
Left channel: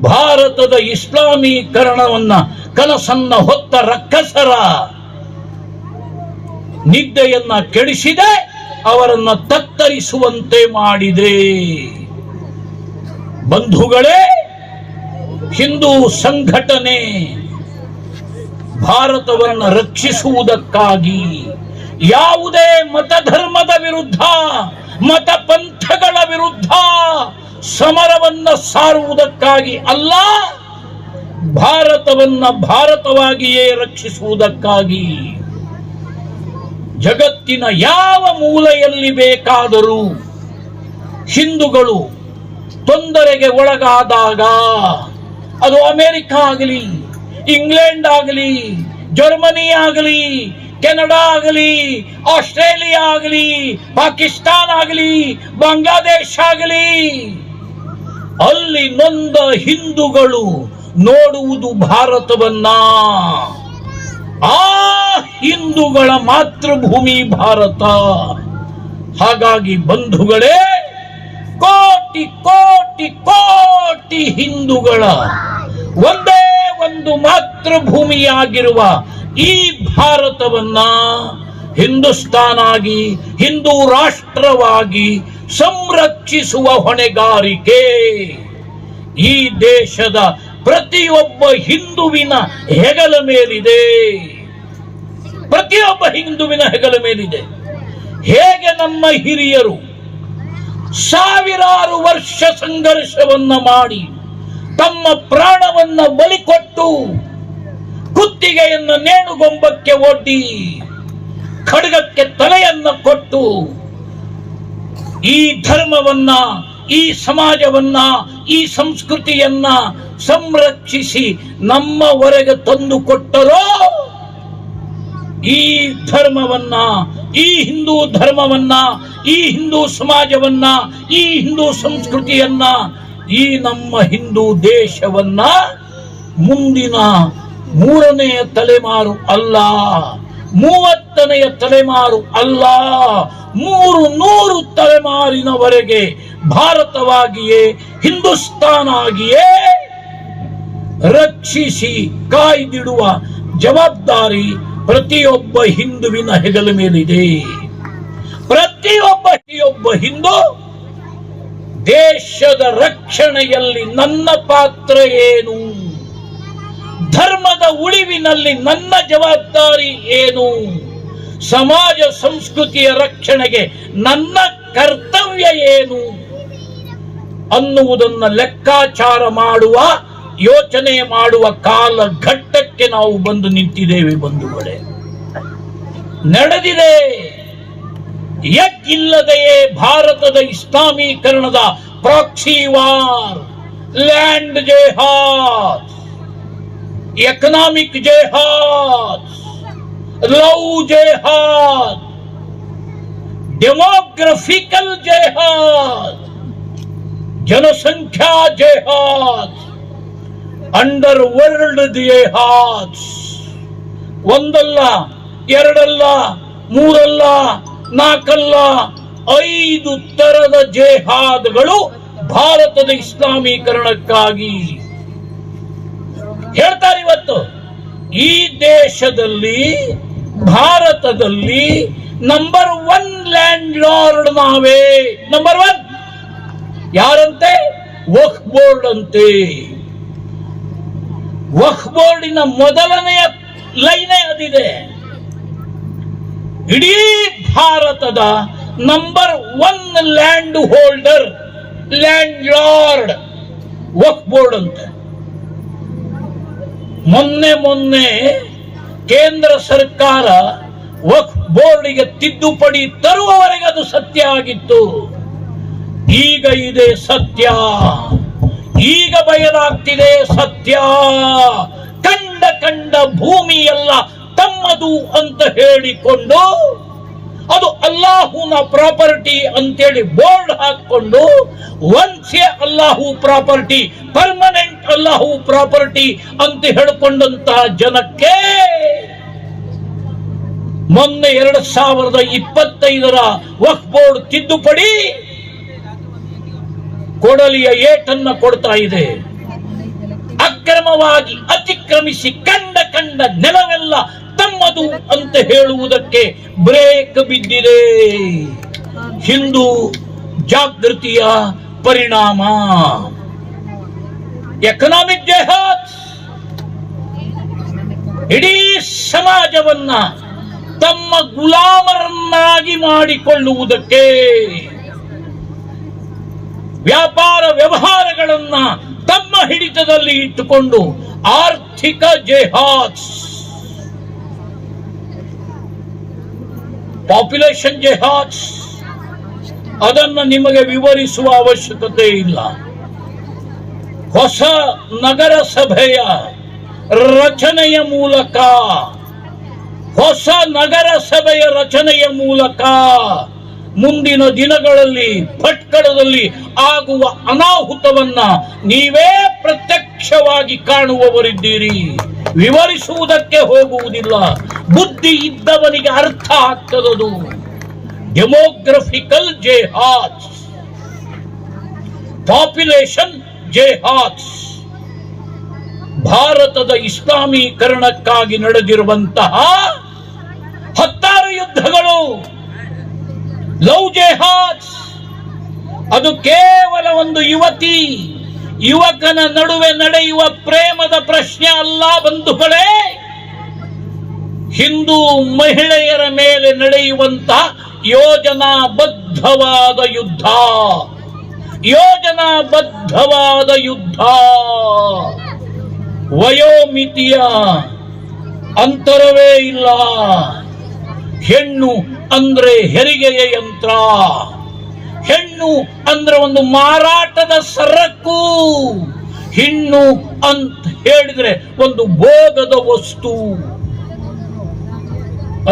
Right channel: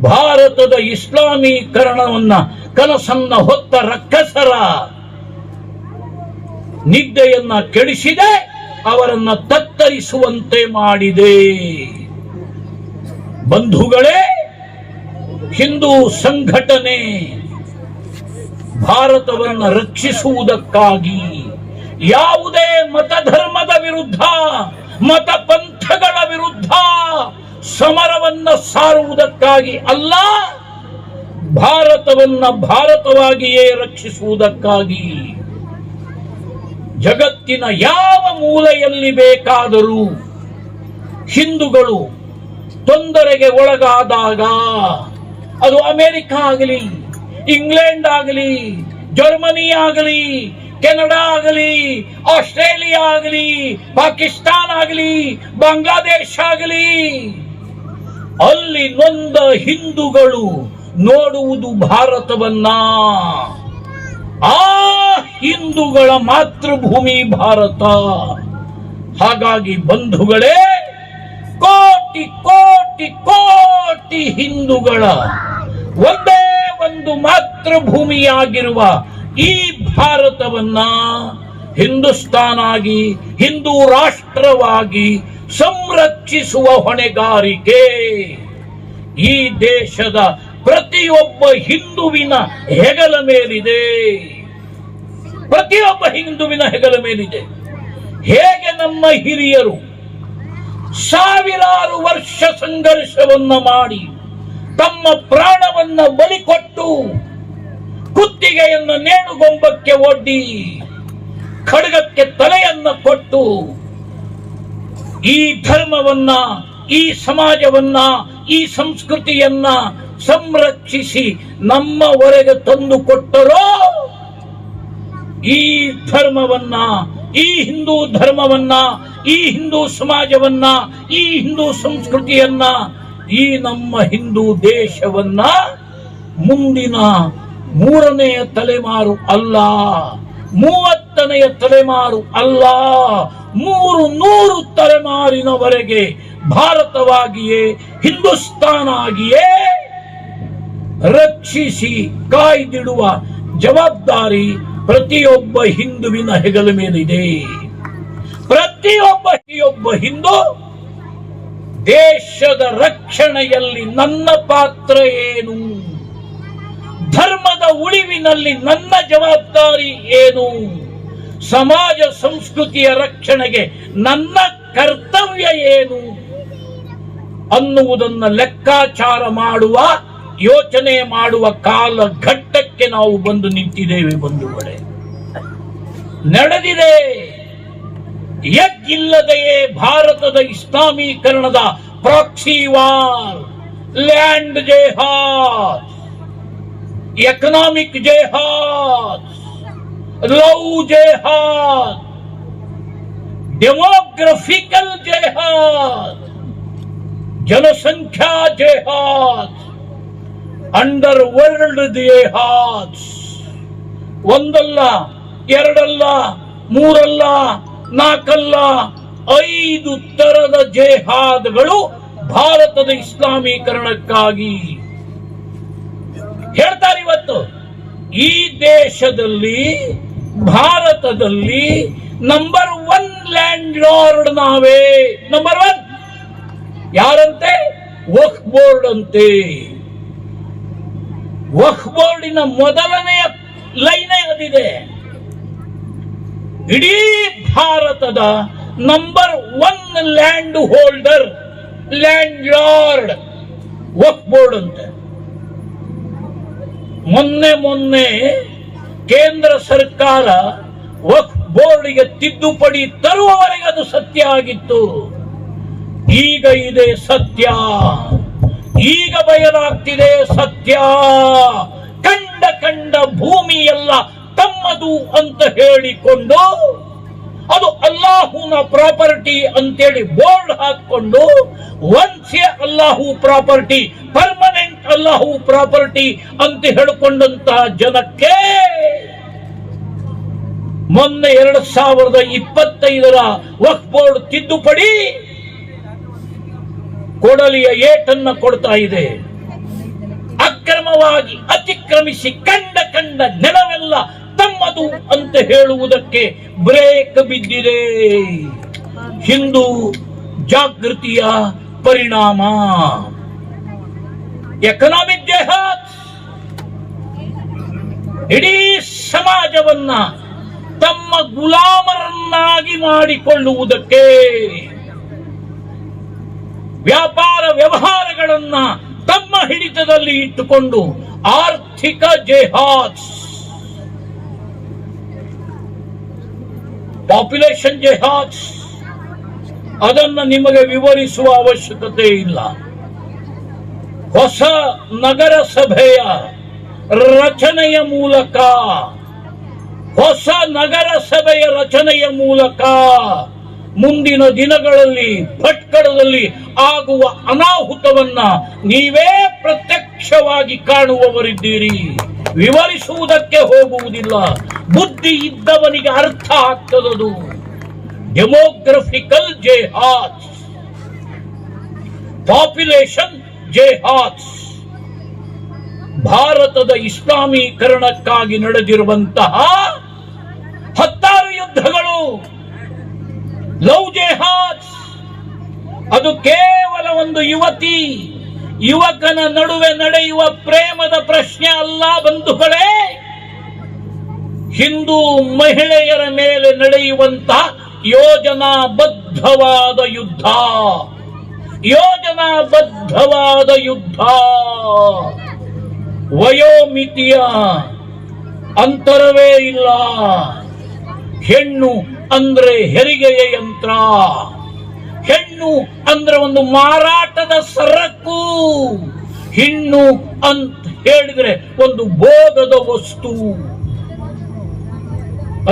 ಭಾರತದ ಇಸ್ಲಾಮೀಕರಣವನ್ನ ಕನಸನ್ನ ಹೊತ್ತ ರಕ್ಕಸರ ನಿದ್ದೆಯನ್ನ ಕೆಡಿಸಿದೆ, ಅವರನ್ನ ತತ್ತರಿಸುವಂತೆ ಮಾಡಿದೆ. ಬಂಧುಗಳೇ, ಹಿಂದೂ ಸಂಘಟನೆ ಭಾರತವನ್ನು ರಕ್ಷಿಸುವುದಕ್ಕಾಗಿ ಯಾವುದೇ ಮತಧರ್ಮದ ವಿರುದ್ಧ, ಮತ ಪಂಥಗಳ ವಿರುದ್ಧ ಸಮರವನ್ನ ಸಾರುವುದಕ್ಕಾಗಿ ಅಲ್ಲ, ಭಾರತವನ್ನ ಭಾರತವಾಗಿಯೇ ರಕ್ಷಿಸುವುದಕ್ಕಾಗಿ. ಜಗತ್ತಿನ ಯಾವ ಮೂಲೆಯಲ್ಲಿ ಬೇಕಾದರೂ ಹಿಂದೂಗಳು ತೊಂದರೆಗೆ ಒಳಗಾದಾಗ, ಅದು ಅಮೆರಿಕ ಆಗಲಿ, ಇಂಗ್ಲೆಂಡ್ ಆಗಲಿ, ಜರ್ಮನಿ ಆಗಲಿ, ಕೆನಡಾ ಆಗಲಿ, ಆಸ್ಟ್ರೇಲಿಯಾ ಆಗಲಿ, ಪಾಕಿಸ್ತಾನ ಆಗಲಿ, ಬಾಂಗ್ಲಾದೇಶ ಆಗಲಿ, ಅಲ್ಲಿ ನೊಂದ ಹಿಂದೂಗಳು ನೋಡುವುದು ಭಾರತವನ್ನ. ಆ ಹಿಂದೂಗಳ ಮಾತೃಭೂಮಿ ಭಾರತ. ಹಾಗಾಗಿ ಬಂಧುಗಳೇ, ಕೋಟಿ ಕೋಟಿ ಕೋಟಿ ಹಿಂದೂಗಳ ಒಂದೇ ಒಂದು ಮಾತೃಭೂಮಿಯಾಗಿರುವ ಈ ಭಾರತವನ್ನ ಹಿಂದೂಸ್ತಾನಾಗಿ, ಹಿಂದೂ ರಾಷ್ಟ್ರವಾಗಿ ಸಂರಕ್ಷಿಸುವ ಹೊಣೆಗಾರಿಕೆ ಈ ದೇಶದ ಪ್ರತಿಯೊಬ್ಬ ಹಿಂದುವಿನ ಹೆಗಲ ಮೇಲಿದೆ. ಪ್ರತಿಯೊಬ್ಬ ಹಿಂದುವಿನ ಹೆಗಲ ಮೇಲಿದೆ. ಹೇಗೆ ನಮ್ಮ ಹಿರಿಯರು ಸಾವಿರಾರು ವರ್ಷ ಸಂಘರ್ಷವನ್ನ ಮಾಡಿ ತಮ್ಮ ಪ್ರಾಣವನ್ನ ಬಲಿಕೊಟ್ಟು ಕುತ್ತಿಗೆಯನ್ನು ನೇಣುಗೊಂಬಕ್ಕೆ ಒಡ್ಡಿ ಖಡ್ಗಕ್ಕೆ ತಲೆಯನ್ನ ಕೊಟ್ಟು ಈ ಧರ್ಮವನ್ನ, ಈ ಸಮಾಜವನ್ನ, ಈ ಸಂಸ್ಕೃತಿಯನ್ನ ಸಂರಕ್ಷಿಸಿ ನಮ್ಮವರೆಗೆ ತಂದು ಕೊಟ್ಟರೋ, ಈ ಧರ್ಮವನ್ನ, ಈ ಹಿಂದೂ ಧರ್ಮವನ್ನ, ಈ ಹಿಂದೂ ಸಮಾಜವನ್ನ, ಈ ಹಿಂದೂ ಸಂಸ್ಕೃತಿಯನ್ನ, ಈ ನಮ್ಮ ಹಿಂದೂ ದೇಶವನ್ನ ಮುಂದಿನ 3ನೇ ತಲೆಮಾರು ಅಲ್ಲ, 30ನೇ ತಲೆಮಾರು ಅಲ್ಲ, 300 ತಲೆಮಾರಿನವರೆಗೆ ಭಾರತವಾಗಿಯೇ, ಹಿಂದೂಸ್ತಾನ ಆಗಿಯೇ ರಕ್ಷಿಸಿ ಕಾಯ್ದಿಡುವ ಜವಾಬ್ದಾರಿ ಪ್ರತಿಯೊಬ್ಬ ಹಿಂದುವಿನ ಹೆಗಲ ಮೇಲಿದೆ. ಪ್ರತಿಯೊಬ್ಬ ಹಿಂದೂ ದೇಶದ ರಕ್ಷಣೆಯಲ್ಲಿ ನನ್ನ ಪಾತ್ರ ಏನು, ಧರ್ಮದ ಉಳಿವಿನಲ್ಲಿ ನನ್ನ ಜವಾಬ್ದಾರಿ ಏನು, ಸಮಾಜ ಸಂಸ್ಕೃತಿಯ ರಕ್ಷಣೆಗೆ ನನ್ನ ಕರ್ತವ್ಯ ಏನು ಅನ್ನುವುದನ್ನು ಲೆಕ್ಕಾಚಾರ ಮಾಡುವ ಯೋಚನೆ ಮಾಡುವ ಕಾಲಘಟ್ಟಕ್ಕೆ ನಾವು ಬಂದು ನಿಂತಿದ್ದೇವೆ ಬಂಧುಗಳೇ. ನಡೆದಿದೆ. ಯಾಕಿಲ್ಲದೆಯೇ ಭಾರತದ ಇಸ್ಲಾಮೀಕರಣದ proxy war, land jihad, economic jihad, love jihad, demographical jihad, ಜನಸಂಖ್ಯಾ ಜೆಹಾದ್, ಅಂಡರ್ ವರ್ಲ್ಡ್ ಜೆಹಾದ್. ಒಂದಲ್ಲ, ಎರಡಲ್ಲ, ಮೂರಲ್ಲ, ನಾಲ್ಕಲ್ಲ, 5 ತರದ ಜೆಹಾದ್ಗಳು ಭಾರತದ ಇಸ್ಲಾಮೀಕರಣಕ್ಕಾಗಿ ಹೇಳ್ತಾರೆ. ಇವತ್ತು ಈ ದೇಶದಲ್ಲಿ, ಭಾರತದಲ್ಲಿ ನಂಬರ್ 1 ಲ್ಯಾಂಡ್ ಲಾರ್ಡ್ ನಾವೇ. ನಂಬರ್ 1 ಯಾರಂತೆ? ವಕ್ಫ್ ಬೋರ್ಡ್ ಅಂತೆ. ವಕ್ಫ್ ಬೋರ್ಡಿನ ಮೊದಲನೆಯ ಲೈನೇ ಅದಿದೆ. ಇಡೀ ಭಾರತದ number 1 land holder, landlord Waqf Board ಅಂತೆ. ಮೊನ್ನೆ ಕೇಂದ್ರ ಸರ್ಕಾರ ವಕ್ಫ್ ಬೋರ್ಡ್ಗೆ ತಿದ್ದುಪಡಿ ತರುವವರೆಗೆ ಅದು ಸತ್ಯ ಆಗಿತ್ತು. ಈಗ ಇದೆ ಸತ್ಯ. ಈಗ ಬಯಲಾಗ್ತಿದೆ ಸತ್ಯ. ಕಂಡ ಭೂಮಿಯೆಲ್ಲ ತಮ್ಮದು ಅಂತ ಹೇಳಿಕೊಂಡು, ಅದು ಅಲ್ಲಾಹುನ ಪ್ರಾಪರ್ಟಿ ಅಂತೇಳಿ ಬೋರ್ಡ್ ಹಾಕೊಂಡು, ಒನ್ಸ್ ಎ ಅಲ್ಲಾಹು ಪ್ರಾಪರ್ಟಿ, ಪರ್ಮನೆಂಟ್ ಅಲ್ಲಾಹು ಪ್ರಾಪರ್ಟಿ ಅಂತ ಹೇಳಿಕೊಂಡಂತಹ ಜನಕ್ಕೆ ಮೊನ್ನೆ 2025ರ ವಕ್ಫ್ ಬೋರ್ಡ್ ತಿದ್ದುಪಡಿ ಕೊಡಲಿಯ ಏಟನ್ನ ಕೊಡ್ತಾ ಇದೆ. ಅಕ್ರಮವಾಗಿ ಅತಿಕ್ರಮಿಸಿ ಕಂಡ ನೆಲವೆಲ್ಲ ತಮ್ಮದು ಅಂತ ಹೇಳುವುದಕ್ಕೆ ಬ್ರೇಕ್ ಬಿದ್ದಿದೆ. ಹಿಂದೂ ಜಾಗೃತಿಯ ಪರಿಣಾಮ. ಎಕನಾಮಿಕ್ ಜೆಹಾದ್ ಇಡೀ ಸಮಾಜವನ್ನ ತಮ್ಮ ಗುಲಾಮರನ್ನಾಗಿ ಮಾಡಿಕೊಳ್ಳುವುದಕ್ಕೆ, ವ್ಯಾಪಾರ ವ್ಯವಹಾರಗಳನ್ನ ತಮ್ಮ ಹಿಡಿತದಲ್ಲಿ ಇಟ್ಟುಕೊಂಡು ಆರ್ಥಿಕ ಜೆಹಾದ್, ಪಾಪ್ಯುಲೇಷನ್ ಜೆಹಾದ್, ಅದನ್ನು ನಿಮಗೆ ವಿವರಿಸುವ ಅವಶ್ಯಕತೆ ಇಲ್ಲ. ಹೊಸ ನಗರಸಭೆಯ ರಚನೆಯ ಮೂಲಕ, ಹೊಸ ನಗರಸಭೆಯ ರಚನೆಯ ಮೂಲಕ ಮುಂದಿನ ದಿನಗಳಲ್ಲಿ ಭಟ್ಕಳದಲ್ಲಿ ಆಗುವ ಅನಾಹುತವನ್ನ ನೀವೇ ಪ್ರತ್ಯಕ್ಷವಾಗಿ ಕಾಣುವವರಿದ್ದೀರಿ. ವಿವರಿಸುವುದಕ್ಕೆ ಹೋಗುವುದಿಲ್ಲ. ಬುದ್ಧಿ ಇದ್ದವನಿಗೆ ಅರ್ಥ ಆಗ್ತದದು. Demographical jihad, population jihad. ಭಾರತದ ಇಸ್ಲಾಮೀಕರಣಕ್ಕಾಗಿ ನಡೆದಿರುವಂತಹ 16 ಯುದ್ಧಗಳು, ಲವ್ ಜೆಹಾದ್. ಅದು ಕೇವಲ ಒಂದು ಯುವಕನ ನಡುವೆ ನಡೆಯುವ ಪ್ರೇಮದ ಪ್ರಶ್ನೆ ಅಲ್ಲ ಬಂಧುಗಳೇ. ಹಿಂದೂ ಮಹಿಳೆಯರ ಮೇಲೆ ನಡೆಯುವಂತಹ ಯೋಜನಾಬದ್ಧವಾದ ಯುದ್ಧ. ಯೋಜನಾಬದ್ಧವಾದ ಯುದ್ಧ. ವಯೋಮಿತಿಯ ಅಂತರವೇ ಇಲ್ಲ. ಹೆಣ್ಣು ಅಂದ್ರೆ ಹೆರಿಗೆಯ ಯಂತ್ರ. ಹೆಣ್ಣು ಅಂದ್ರೆ ಒಂದು ಮಾರಾಟದ ಸರಕು. ಹೆಣ್ಣು ಅಂತ ಹೇಳಿದ್ರೆ ಒಂದು ಭೋಗದ ವಸ್ತು.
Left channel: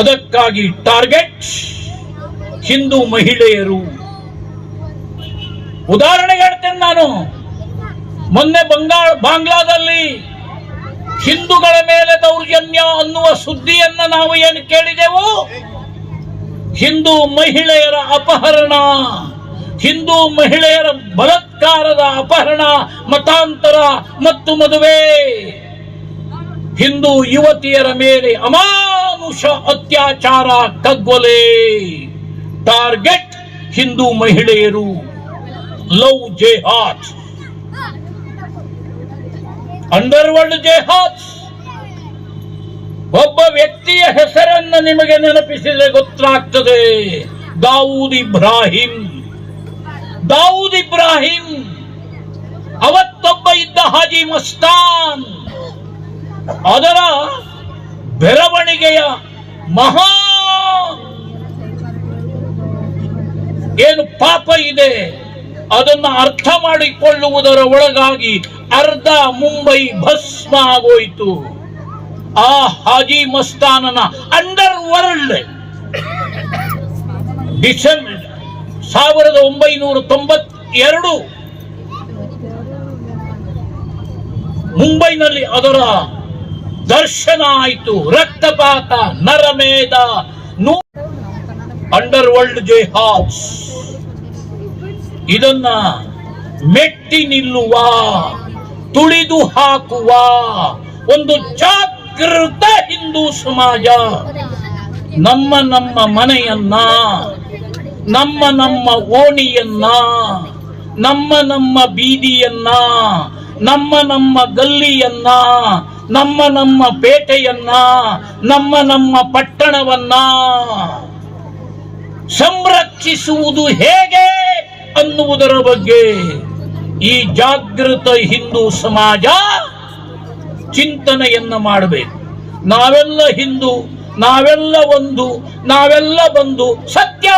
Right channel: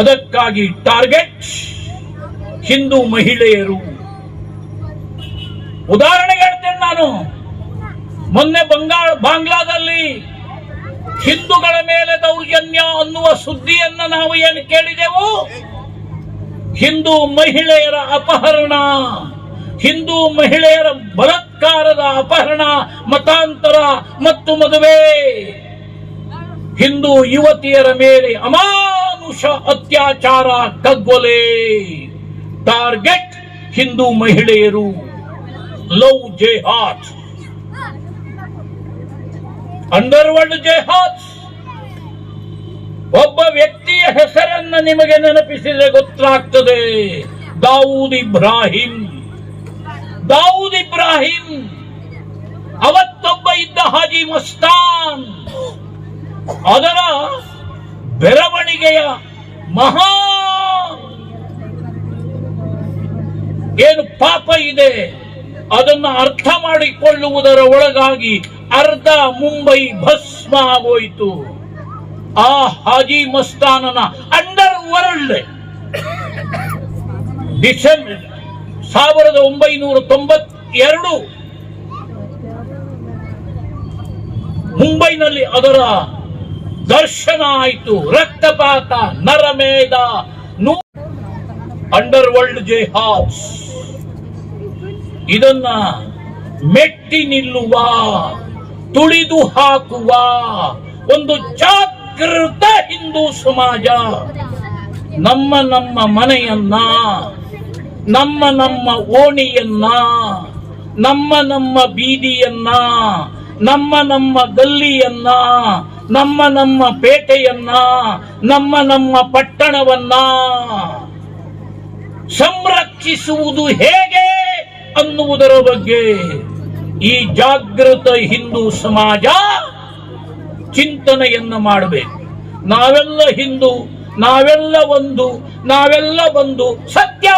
ಅದಕ್ಕಾಗಿ ಟಾರ್ಗೆಟ್ ಹಿಂದೂ ಮಹಿಳೆಯರು. ಉದಾಹರಣೆಗೆ ಹೇಳ್ತೇನೆ ನಾನು. ಮೊನ್ನೆ ಬಾಂಗ್ಲಾದಲ್ಲಿ ಹಿಂದೂಗಳ ಮೇಲೆ ದೌರ್ಜನ್ಯ ಅನ್ನುವ ಸುದ್ದಿಯನ್ನ ನಾವು ಏನು ಕೇಳಿದೆವು? ಹಿಂದೂ ಮಹಿಳೆಯರ ಅಪಹರಣ, ಹಿಂದೂ ಮಹಿಳೆಯರ ಬಲಾತ್ಕಾರದ ಅಪಹರಣ, ಮತಾಂತರ ಮತ್ತು ಮದುವೆ, ಹಿಂದೂ ಯುವತಿಯರ ಮೇಲೆ ಅಮಾನುಷ ಅತ್ಯಾಚಾರ, ಕಗ್ಗೊಲೆ. ಟಾರ್ಗೆಟ್ ಹಿಂದೂ ಮಹಿಳೆಯರು. Love jihad, underworld jihad. ಒಬ್ಬ ವ್ಯಕ್ತಿಯ ಹೆಸರನ್ನ ನಿಮಗೆ ನೆನಪಿಸಿದರೆ ಗೊತ್ತಾಗ್ತದೆ. ದಾವೂದ್ ಇಬ್ರಾಹಿಂ. ಅವತ್ತೊಬ್ಬ ಇದ್ದ ಹಾಜಿ ಮಸ್ತಾನ್. ಅದರ ಬೆಳವಣಿಗೆಯ ಮಹಾ ಏನು ಪಾಪ ಇದೆ ಅದನ್ನ ಅರ್ಥ ಮಾಡಿಕೊಳ್ಳುವುದರ ಒಳಗಾಗಿ ಅರ್ಧ ಮುಂಬೈ ಭಸ್ಮ ಆಗೋಯ್ತು. ಆ ಹಾಜಿ ಮಸ್ತಾನನ ಅಂಡರ್ ವರ್ಲ್ಡ್ ಡಿಸೆಂಬರ್ 1992 ಮುಂಬೈನಲ್ಲಿ ಅದರ ದರ್ಶನ ಆಯಿತು. ರಕ್ತಪಾತ, ನರಮೇಧ, ಅಂಡರ್ ವರ್ಲ್ಡ್ ಜೆಹಾದ್. ಇದನ್ನ ಮೆಟ್ಟಿ ನಿಲ್ಲುವ, ತುಳಿದು ಹಾಕುವ ಒಂದು ಜಾಗೃತ ಹಿಂದೂ ಸಮಾಜ ನಮ್ಮ ನಮ್ಮ ಮನೆಯನ್ನ, ನಮ್ಮ ನಮ್ಮ ಓಣಿಯನ್ನ, ನಮ್ಮ ನಮ್ಮ ಬೀದಿಯನ್ನ, ನಮ್ಮ ನಮ್ಮ ಗಲ್ಲಿಯನ್ನ, ನಮ್ಮ ನಮ್ಮ ಪೇಟೆಯನ್ನ, ನಮ್ಮ ನಮ್ಮ ಪಟ್ಟಣವನ್ನ ಸಂರಕ್ಷಿಸುವುದು ಹೇಗೆ ಅನ್ನುವುದರ ಬಗ್ಗೆ ಈ ಜಾಗೃತ ಹಿಂದೂ ಸಮಾಜ ಚಿಂತನೆಯನ್ನ ಮಾಡಬೇಕು. ನಾವೆಲ್ಲ ಹಿಂದೂ, ನಾವೆಲ್ಲ ಒಂದು, ನಾವೆಲ್ಲ ಬಂದು ಸತ್ಯ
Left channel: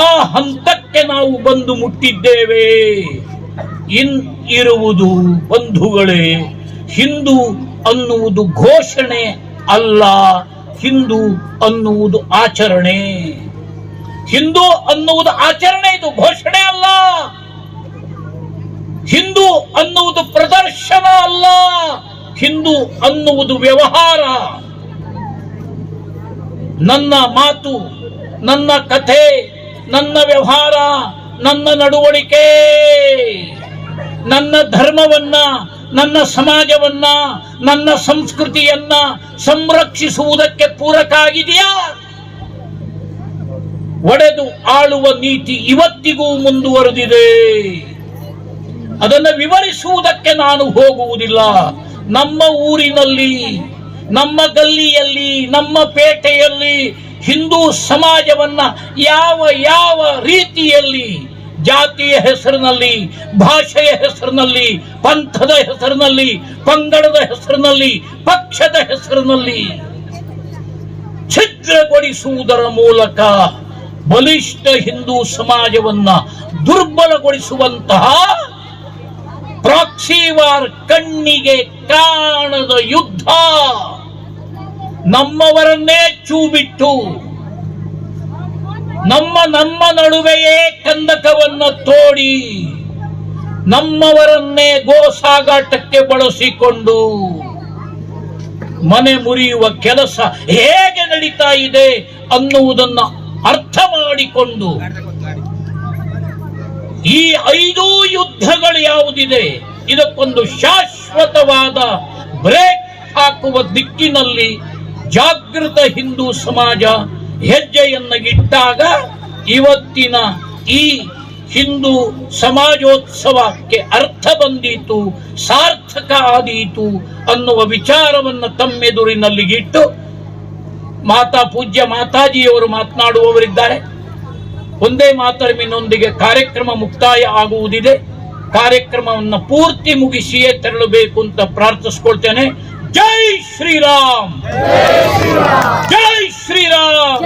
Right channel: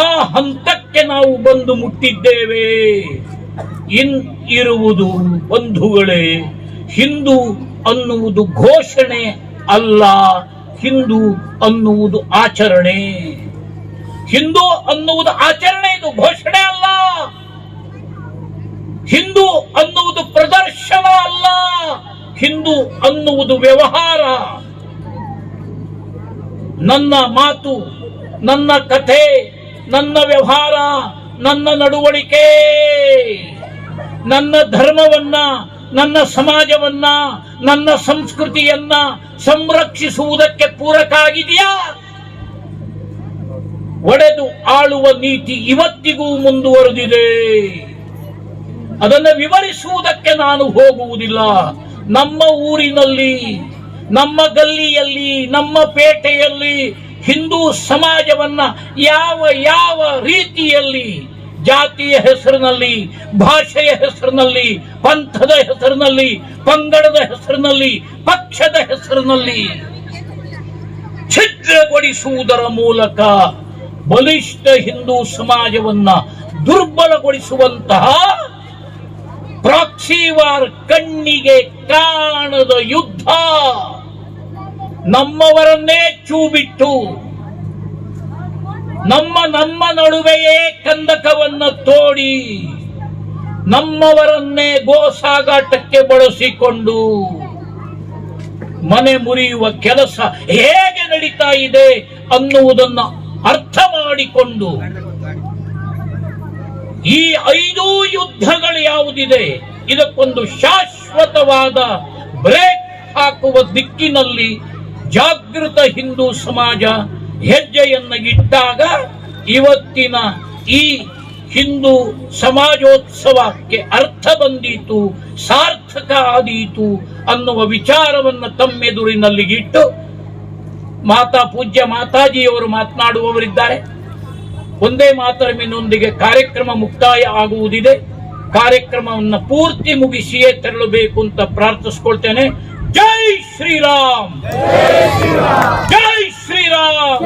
ಆ ಹಂತಕ್ಕೆ ನಾವು ಬಂದು ಮುಟ್ಟಿದ್ದೇವೆ. ಇರುವುದು ಬಂಧುಗಳೇ, ಹಿಂದೂ ಅನ್ನುವುದು ಘೋಷಣೆ ಅಲ್ಲ, ಹಿಂದೂ ಅನ್ನುವುದು ಆಚರಣೆ. ಹಿಂದೂ ಅನ್ನುವುದು ಆಚರಣೆ, ಇದು ಘೋಷಣೆ ಅಲ್ಲ. ಹಿಂದೂ ಅನ್ನುವುದು ಪ್ರದರ್ಶನ ಅಲ್ಲ, ಹಿಂದೂ ಅನ್ನುವುದು ವ್ಯವಹಾರ. ನನ್ನ ಮಾತು, ನನ್ನ ಕಥೆ, ನನ್ನ ವ್ಯವಹಾರ, ನನ್ನ ನಡವಳಿಕೆ, ನನ್ನ ಧರ್ಮವನ್ನ, ನನ್ನ ಸಮಾಜವನ್ನ, ನನ್ನ ಸಂಸ್ಕೃತಿಯನ್ನ ಸಂರಕ್ಷಿಸುವುದಕ್ಕೆ ಪೂರಕ ಆಗಿದೆಯಾ? ಒಡೆದು ಆಳುವ ನೀತಿ ಇವತ್ತಿಗೂ ಮುಂದುವರೆದಿದೆ. ಅದನ್ನು ವಿವರಿಸುವುದಕ್ಕೆ ನಾನು ಹೋಗುವುದಿಲ್ಲ. ನಮ್ಮ ಊರಿನಲ್ಲಿ, ನಮ್ಮ ಗಲ್ಲಿಯಲ್ಲಿ, ನಮ್ಮ ಪೇಟೆಯಲ್ಲಿ ಹಿಂದೂ ಸಮಾಜವನ್ನ ಯಾವ ಯಾವ ರೀತಿಯಲ್ಲಿ ಜಾತಿಯ ಹೆಸರಿನಲ್ಲಿ, ಭಾಷೆಯ ಹೆಸರಿನಲ್ಲಿ, ಪಂಥದ ಹೆಸರಿನಲ್ಲಿ, ಪಂಗಡದ ಹೆಸರಿನಲ್ಲಿ, ಪಕ್ಷದ ಹೆಸರಿನಲ್ಲಿ ಛಿದ್ರಗೊಳಿಸುವುದರ ಮೂಲಕ ಬಲಿಷ್ಠ ಹಿಂದೂ ಸಮಾಜವನ್ನ ದುರ್ಬಲಗೊಳಿಸುವಂತಹ ಪ್ರಾಕ್ಸಿ ವಾರ್, ಕಣ್ಣಿಗೆ ಕಾಣದ ಯುದ್ಧ, ನಮ್ಮವರನ್ನೇ ಚೂಬಿಟ್ಟು ನಮ್ಮ ನಮ್ಮ ನಡುವೆಯೇ ಕಂದಕವನ್ನ ತೋಡಿ ನಮ್ಮವರನ್ನೇ ಗೋ ಸಾಗಾಟಕ್ಕೆ ಬಳಸಿಕೊಂಡು ಮನೆ ಮುರಿಯುವ ಕೆಲಸ ಹೇಗೆ ನಡೀತಾ ಇದೆ ಅನ್ನುವುದನ್ನು ಅರ್ಥ ಮಾಡಿಕೊಂಡು ಈ 5 ಯುದ್ಧಗಳು ಯಾವುದಿದೆ ಇದಕ್ಕೊಂದು ಶಾಶ್ವತವಾದ ಬ್ರೇಕ್ ಹಾಕುವ ದಿಕ್ಕಿನಲ್ಲಿ ಜಾಗೃತ ಹಿಂದೂ ಸಮಾಜ ಹೆಜ್ಜೆಯನ್ನ ಇಟ್ಟಾಗ ಇವತ್ತಿನ ಈ ಹಿಂದೂ ಸಮಾಜೋತ್ಸವಕ್ಕೆ ಅರ್ಥ ಬಂದೀತು, ಸಾರ್ಥಕ ಆದೀತು ಅನ್ನುವ ವಿಚಾರವನ್ನು ತಮ್ಮೆದುರಿನಲ್ಲಿ ಇಟ್ಟು ಪೂಜ್ಯ ಮಾತಾಜಿಯವರು ಮಾತನಾಡುವವರಿದ್ದಾರೆ. ಒಂದೇ ಮಾತರಮಿನೊಂದಿಗೆ ಕಾರ್ಯಕ್ರಮ ಮುಕ್ತಾಯ ಆಗುವುದಿದೆ. ಕಾರ್ಯಕ್ರಮವನ್ನು ಪೂರ್ತಿ ಮುಗಿಸಿಯೇ ತೆರಳಬೇಕು ಅಂತ ಪ್ರಾರ್ಥಿಸ್ಕೊಳ್ತೇನೆ. ಜೈ ಶ್ರೀರಾಮ್, ಜೈ ಶ್ರೀರಾಮ್,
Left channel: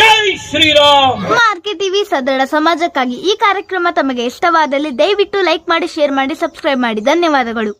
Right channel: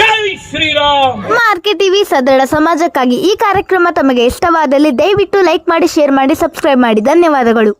ಜೈ ಶ್ರೀರಾಮ್. ಆರ್ಕೆ ಟಿವಿ ಸದೃಢ ಸಮಾಜಕ್ಕಾಗಿ ಈ ಕಾರ್ಯಕ್ರಮ ತಮಗೆ ಇಷ್ಟವಾದಲ್ಲಿ ದಯವಿಟ್ಟು ಲೈಕ್ ಮಾಡಿ, ಶೇರ್ ಮಾಡಿ, ಸಬ್ಸ್ಕ್ರೈಬ್ ಮಾಡಿ. ಧನ್ಯವಾದಗಳು.